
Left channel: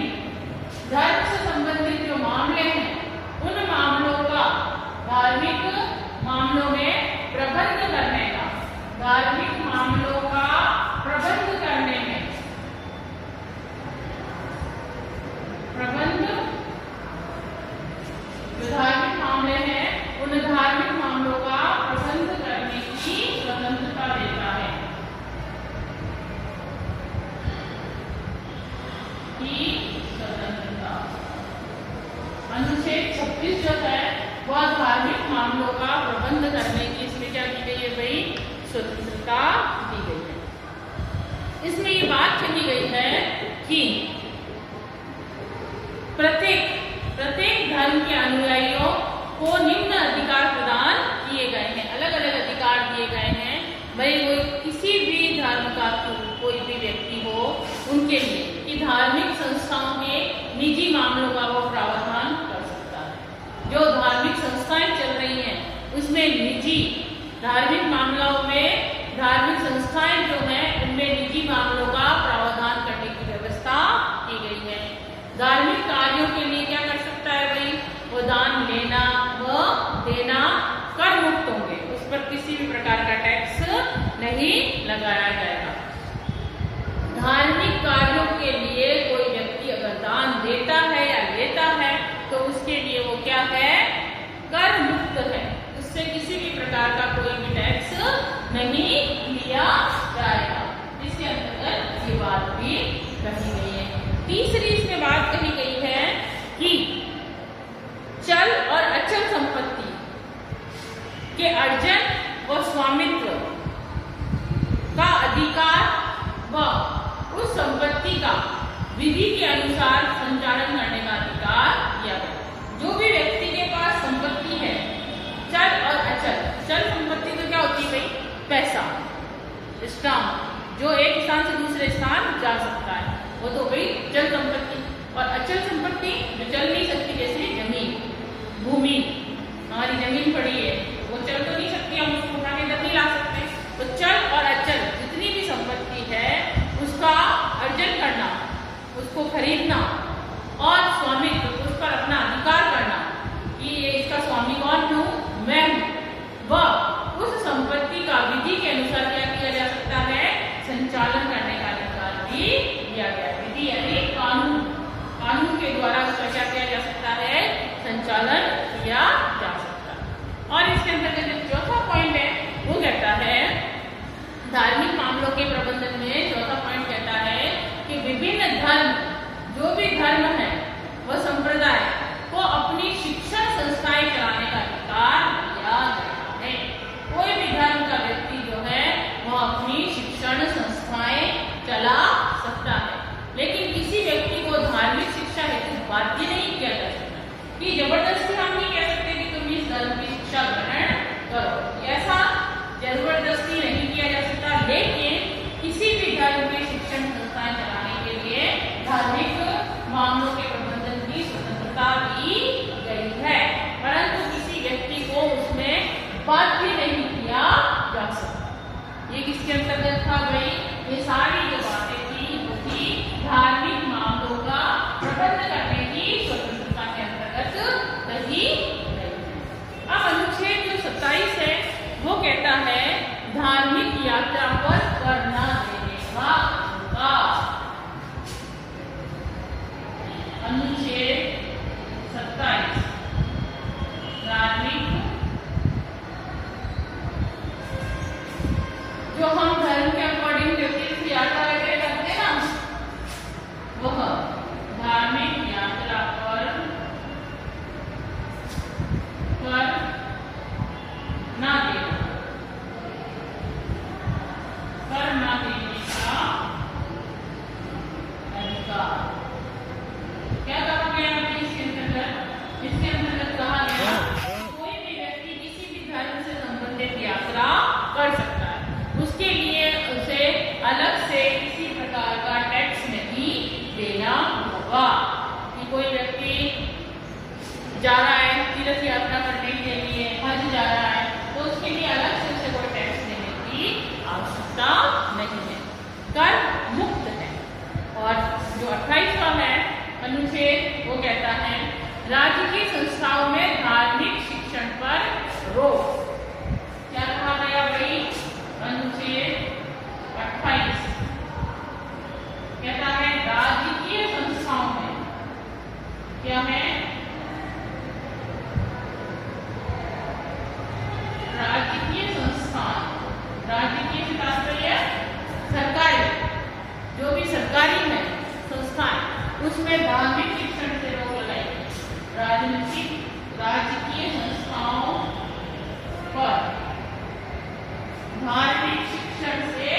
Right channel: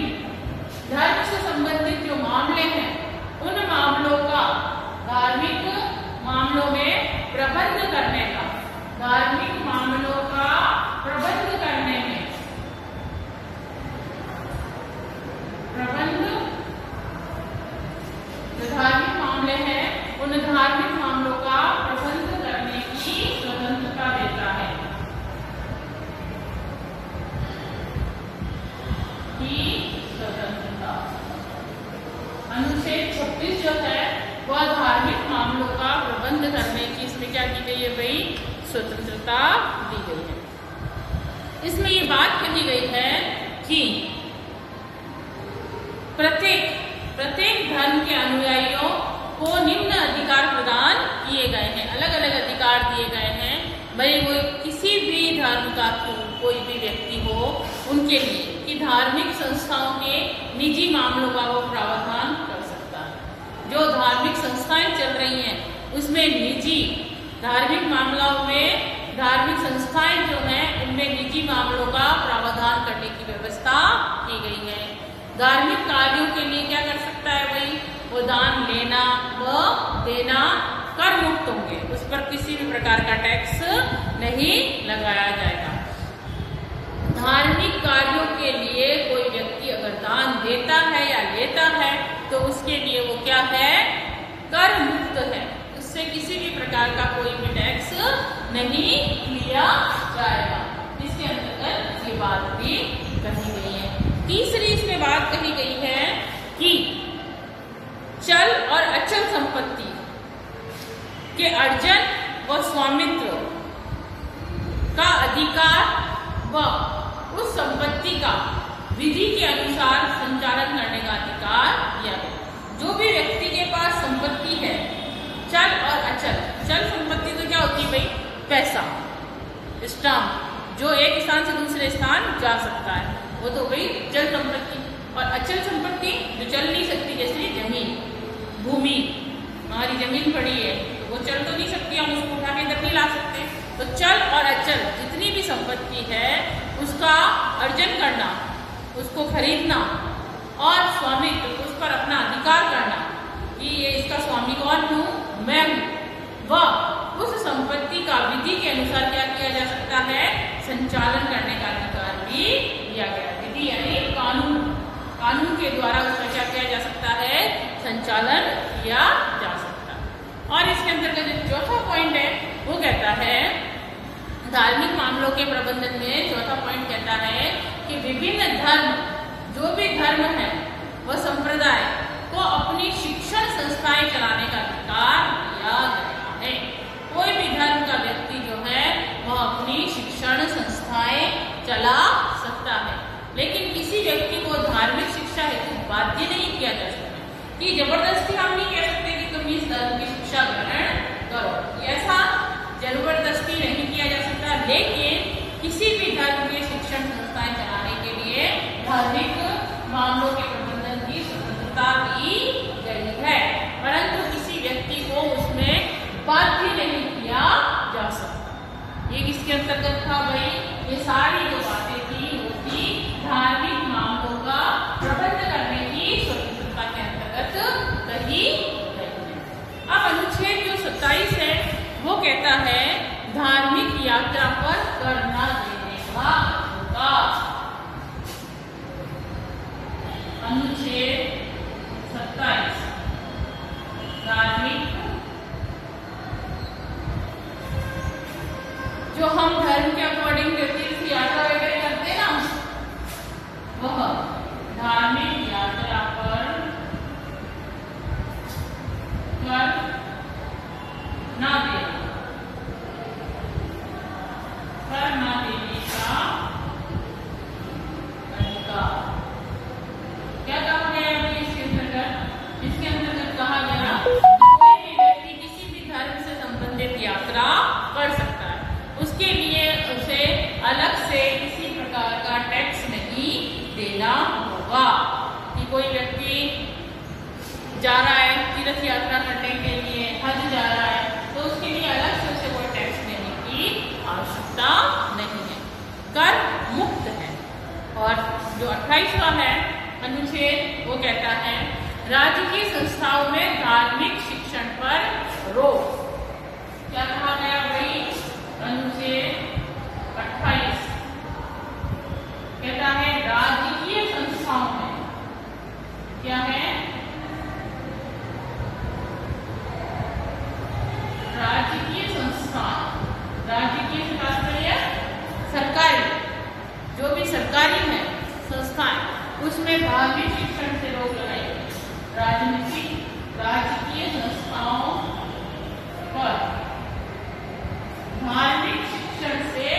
धर्म से संबंधित जो मामले हैं, उन मामलों का धार्मिक मामलों में प्रबंध करने का, धार्मिक मामलों का प्रबंध करने में, प्रबंध जो धार्मिक मामले हैं उन धार्मिक मामलों का प्रबंध करने की स्वतंत्रता देता है। स्वतंत्रता अनुच्छेद 26 जो है वह धार्मिक मामलों का प्रबंध करने की, इसमें क्या की गई है भाई? स्वतंत्रता दी गई है। इसमें ये बात कही गई है कि प्रत्येक धर्म के अनुयायियों को निम्न अधिकार प्रदान किए गए हैं। अलग अलग अधिकार दिए गए हैं भाई, वो किसी भी धर्म का कोई भी व्यक्ति हो उनके लिए कि धार्मिक संस्थाओं के निजी मामलों का वो प्रावधान कर सकता है। जो धार्मिक संस्थाएं चल रही हैं उसमें निजी धार्मिक मामलों में धार्मिक संस्थाएं जो हैं उनमें निजी मामलों का प्रावधान करने की व्यवस्था की गई है। धार्मिक कार्यों के लिए क्या कर सकता है भाई, वो दान लेना व देना कर मुक्त होंगे, उस पर किसी भी प्रकार का टैक्स नहीं लगाया जाएगा। धार्मिक कार्यों के लिए कोई व्यक्ति अगर दान देता है या लेता है तो उसके लिए वो क्या है, कर मुक्त है, उससे किसी भी प्रकार का कोई भी टैक्स नहीं लिया जाएगा। इसके अंतर्गत ये बात भी कही गई है। तीसरी इसमें बात कही गई है कि चल और अचल संपत्ति के अर्जन व स्वामित्व का अधिकार व उस संपत्ति का विधि के अनुसार संचालन करने का अधिकार दिया गया। जो भी व्यक्ति के पास संपत्ति है, चल और अचल, चल संपत्ति तो क्या होती है भाई, पैसा, स्टाम्प, जो एक स्थान से दूसरे स्थान जा सकता है, वो तो भाई चल संपत्ति। और अचल संपत्ति जो चल नहीं सकती, जैसे जमीन, भूमि, हमारी जमीन पड़ी है तो वो चल तो नहीं सकती, हम उसको उठा के इधर नहीं ला सकते। तो चल और अचल जितनी भी संपत्ति है उसका अर्जन करना, उसको खरीदना और स्वामित्व, उस पर अपना अधिकार करना कि ये इसका स्वामी कौन हूँ, मैं हूँ, वह उस संपत्ति का विधि के अनुसार क्या किया जा सकता है, संचालन करने का अधिकार भी दिया गया। विधि यानी कानून, कानून के द्वारा उसका क्या किया जा सकता है, संचालन किया जा सकता है। और इसके अंतर्गत जो चौथा पॉइंट है वो कहता है, धार्मिक मामलों के प्रबंधन में चौथा पॉइंट कहता है कि विभिन्न धर्म, जो भी धर्म है वह संप्रदाय को अपनी शिक्षण संस्थाएं चलाने का अधिकार दिया गया है। कोई भी धर्म का व्यक्ति जो है वह अपनी शिक्षण संस्थाएं चला सकता है, लेकिन किसी व्यक्ति को धार्मिक शिक्षा हेतु बाध्य नहीं किया जा सकता कि जबरदस्ती हम नहीं कह सकते कि तुम इस धर्म की शिक्षा ग्रहण करो, ऐसा जबरदस्ती नहीं किया जा सकता। लेकिन किसी भी धर्म के शिक्षण संस्थाएं चलाने के लिए धार्मिक मामलों के प्रबंधन की स्वतंत्रता दी गई है, परंतु किसी व्यक्ति को उसमें बाध्य नहीं किया जा सकता। ये किसके अंतर्गत था भाई, ये सारी जो बातें थी वो थी धार्मिक मामलों का प्रबंध करने की स्वतंत्रता के अंतर्गत कही गई है। अब अनुच्छेद जो 27 है वो कहता है धार्मिक यात्रा पर कर न देने का अधिकार। अनुच्छेद 27 धार्मिक, जो हम धर्म के अकॉर्डिंग जो तीर्थ यात्रा वगैरह करते हैं ना, वह धार्मिक यात्रा पर ना देना, कर ना देने का अधिकार। क्या कहा गया इसके अंतर्गत? इसके अंतर्गत कहा गया कोई भी व्यक्ति किसी भी धर्म से संबंधित यात्रा कर सकता है, उसके लिए उसे अलग से किसी प्रकार का टैक्स नहीं देना होगा। कि कोई व्यक्ति जा रहा है तीर्थ यात्रा करने के लिए, हज जा रहा है, तो उसके लिए अलग से उसे कोई टैक्स देने की आवश्यकता नहीं है, कर मुक्त है। और जो 28वां है अनुच्छेद वो कहता है राजकीय संस्थाओं में धार्मिक शिक्षण पर रोक। क्या कहा गया भाई? अनुच्छेद 28 कहता है राजकीय संस्थाओं में क्या है? राजकीय संस्थान, राजकीय तात्पर्य सरकारी, जो भी सरकारी है संस्थाएं, उसमें धार्मिक शिक्षण से रोक लगाई। राजकीय संस्थाओं पर धार्मिक शिक्षण से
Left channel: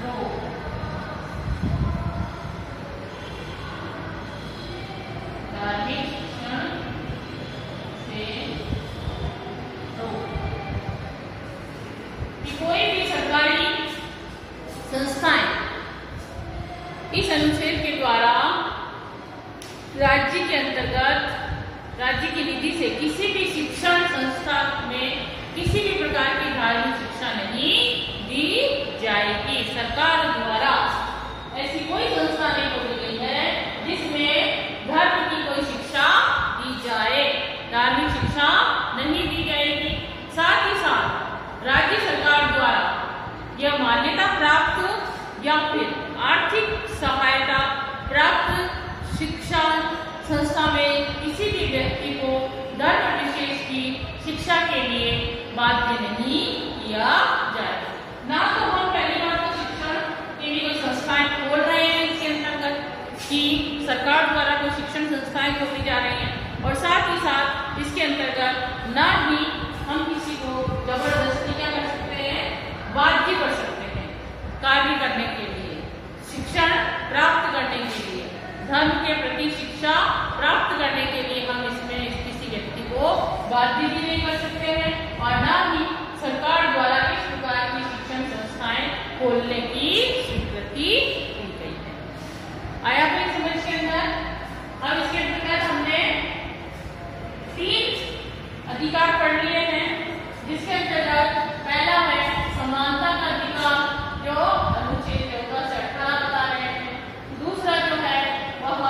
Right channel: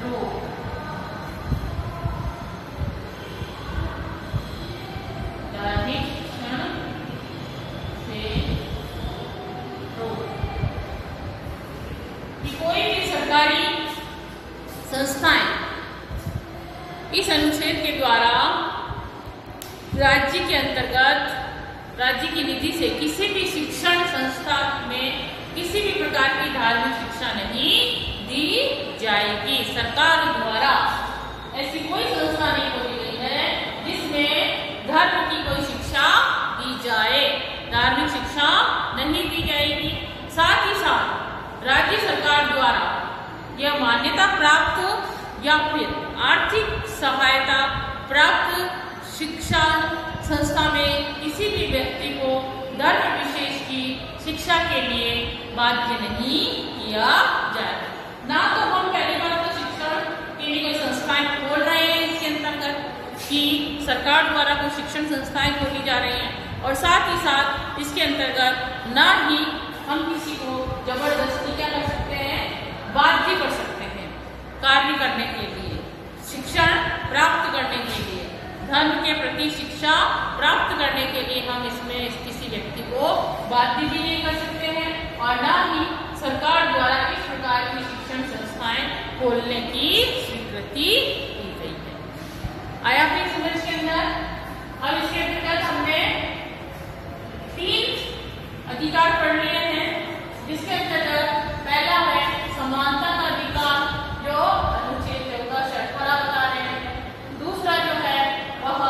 रोक। धार्मिक शिक्षण से रोक कि कोई भी सरकारी संस्थाएं इस अनुच्छेद के द्वारा राज्य के अंतर्गत राज्य की निधि से किसी भी शिक्षण संस्था में किसी भी प्रकार की धार्मिक शिक्षा नहीं दी जाएगी। सरकार द्वारा ऐसी कोई संस्था नहीं खोली गई है जिसमें धर्म की कोई शिक्षा दी जाए, धार्मिक शिक्षा नहीं दी जाएगी। साथ ही साथ राज्य सरकार द्वारा यह मान्यता प्राप्त या फिर आर्थिक सहायता प्राप्त शिक्षा संस्था में किसी भी व्यक्ति को धर्म विशेष की शिक्षा के लिए बाध्य नहीं किया जाएगा। ना तो हम पहली बात तो शिक्षण के लिए कोई संस्थाएं खोल रहे हैं इसके अंतर्गत कि सरकार द्वारा कोई शिक्षण संस्थाएं खोली जा रही हैं, और साथ ही साथ इसके अंतर्गत ना ही हम किसी को जबरदस्ती क्या कर सकते हैं, बाध्य कर सकते हैं कार्य करने के लिए, शिक्षण प्राप्त करने के लिए, धर्म के प्रति शिक्षा प्राप्त करने के लिए हम इसमें किसी व्यक्ति को बाध्य भी नहीं कर सकते हैं, और ना ही सरकार द्वारा इस प्रकार की शिक्षण संस्थाएं खोलने की स्वीकृति दी गई है। आया फिर समझ के अंदर। अब इसके अंतर्गत हमने 3 अधिकार पढ़ लिए हैं, जिसके अंतर्गत पहला है समानता का अधिकार, जो अनुच्छेद 14 से 18 बता रहे हैं। दूसरा जो है वह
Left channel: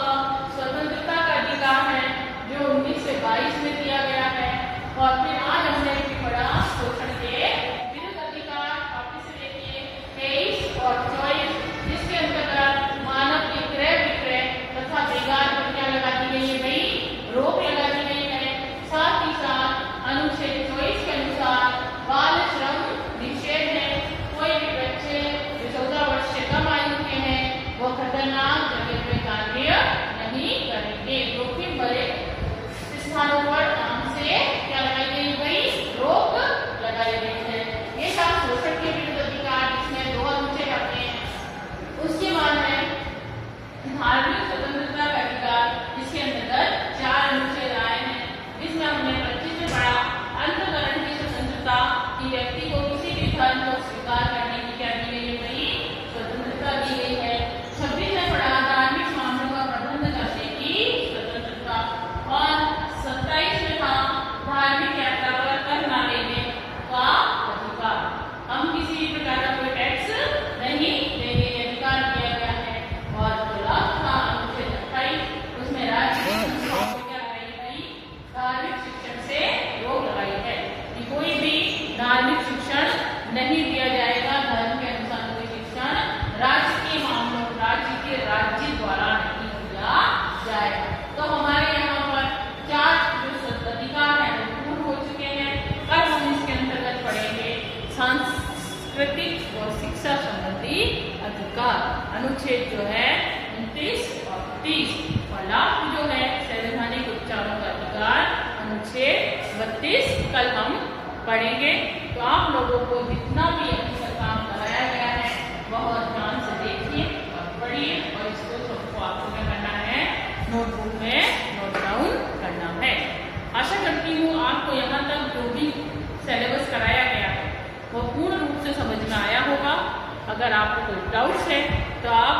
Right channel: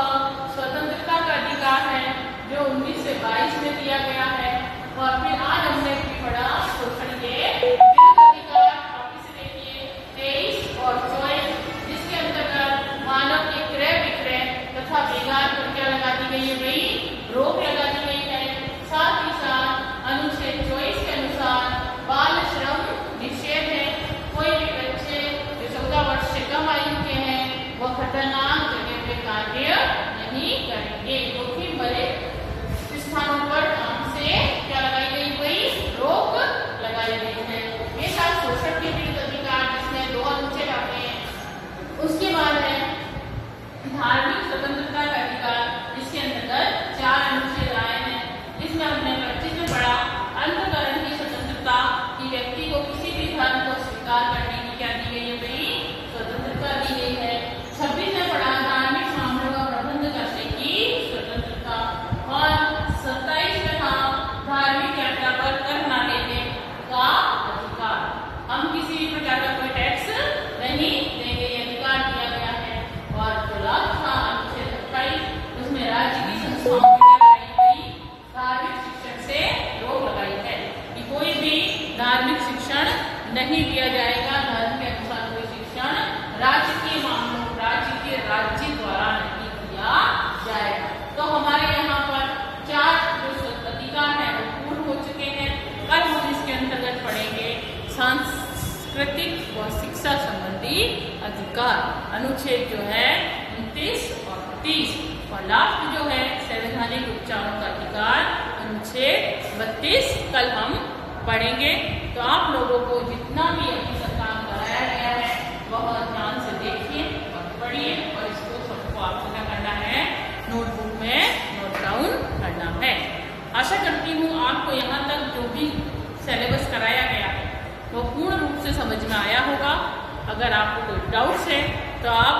स्वतंत्रता का अधिकार है, जो 19 से 22 में दिया गया है। और फिर आज हमने पढ़ा शोषण के विरुद्ध अधिकार, वापिस से देखिए 23 और 24, जिसके अंतर्गत मानव के क्रय विक्रय तथा बेगार पर क्या लगा दी गई है भाई, रोक लगा दी गई है। साथ ही साथ अनुच्छेद 24 के अनुसार बाल श्रम निषेध है। कोई भी बच्चे जो 14 वर्ष से कम आयु के हैं वह खतरनाक जगह पे कार्य नहीं करेंगे, जोखिम भरे स्थानों पर काम से क्या लगाई गई भाई, रोक लगाई गई है। ये सब शोषण के विरुद्ध अधिकार, जिसमें 2 अनुच्छेद आते हैं। उसके बाद है धार्मिक स्वतंत्रता का अधिकार, जिसके अंतर्गत 4 अनुच्छेद आए हैं। जिसमें हमने 25 में पढ़ा अंतःकरण की स्वतंत्रता, कि व्यक्ति को किसी भी धर्म को स्वीकार करने की क्या दी गई है भाई, स्वतंत्रता दी गई है। 26 में पढ़ा धार्मिक मामलों का प्रबंध करने की स्वतंत्रता, और 27 में था धार्मिक यात्रा पर कर न लेने का अधिकार। हम किसी भी प्रकार का कोई टैक्स नहीं देंगे, ये अधिकार दिया गया है। और जो लास्ट था अनुच्छेद 28, उसमें राज्य की संस्थाओं को क्या लगाई गई, धार्मिक शिक्षण से रोक लगाई है, कि कोई भी धार्मिक शिक्षण नहीं दिया जाएगा, धर्म के अनुसार कोई शिक्षण राज्य के मामलों, राज्य द्वारा नहीं दिया जाएगा। तो हमारे यहाँ पर 4 जो अधिकार है वो पूर्ण हो चुके हैं। कल हम इसके अंतर्गत पढ़ेंगे सांस्कृतिक व शिक्षा संबंधी अधिकार, अनुच्छेद जो है 29 और 30, और लास्ट जो है संवैधानिक उपचारों का अधिकार, अनुच्छेद 32 कल हम पढ़ेंगे। तो आप लोगों को जितना भी अभी तक काम कराया गया है वह ध्यान से देखिए और पढ़िए, और इसको सबको आपको क्या करना है, नोटबुक में नोट डाउन करना है। आशा करती हूँ आपको यहाँ तक जो भी सिलेबस कराया गया है वो पूर्ण रूप से समझ में आया होगा। अगर आपको कोई डाउट्स है तो आप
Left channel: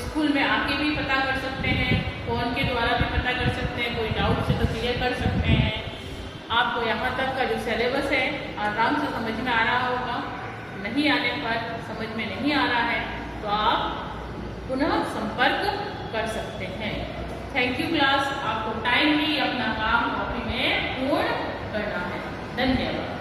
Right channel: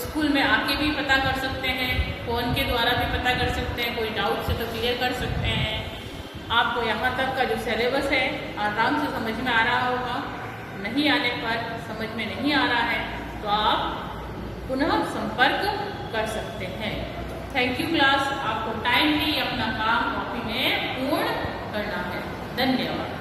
स्कूल में आके भी पता कर सकते हैं, फोन के द्वारा भी पता कर सकते हैं, कोई डाउट्स है तो क्लियर कर सकते हैं। आपको यहाँ तक का जो सिलेबस है आराम से समझ में आ रहा होगा। नहीं आने पर, समझ में नहीं आ रहा है तो आप पुनः संपर्क कर सकते हैं। Thank you class. आपको टाइमली अपना काम कॉपी में पूर्ण करना है। धन्यवाद।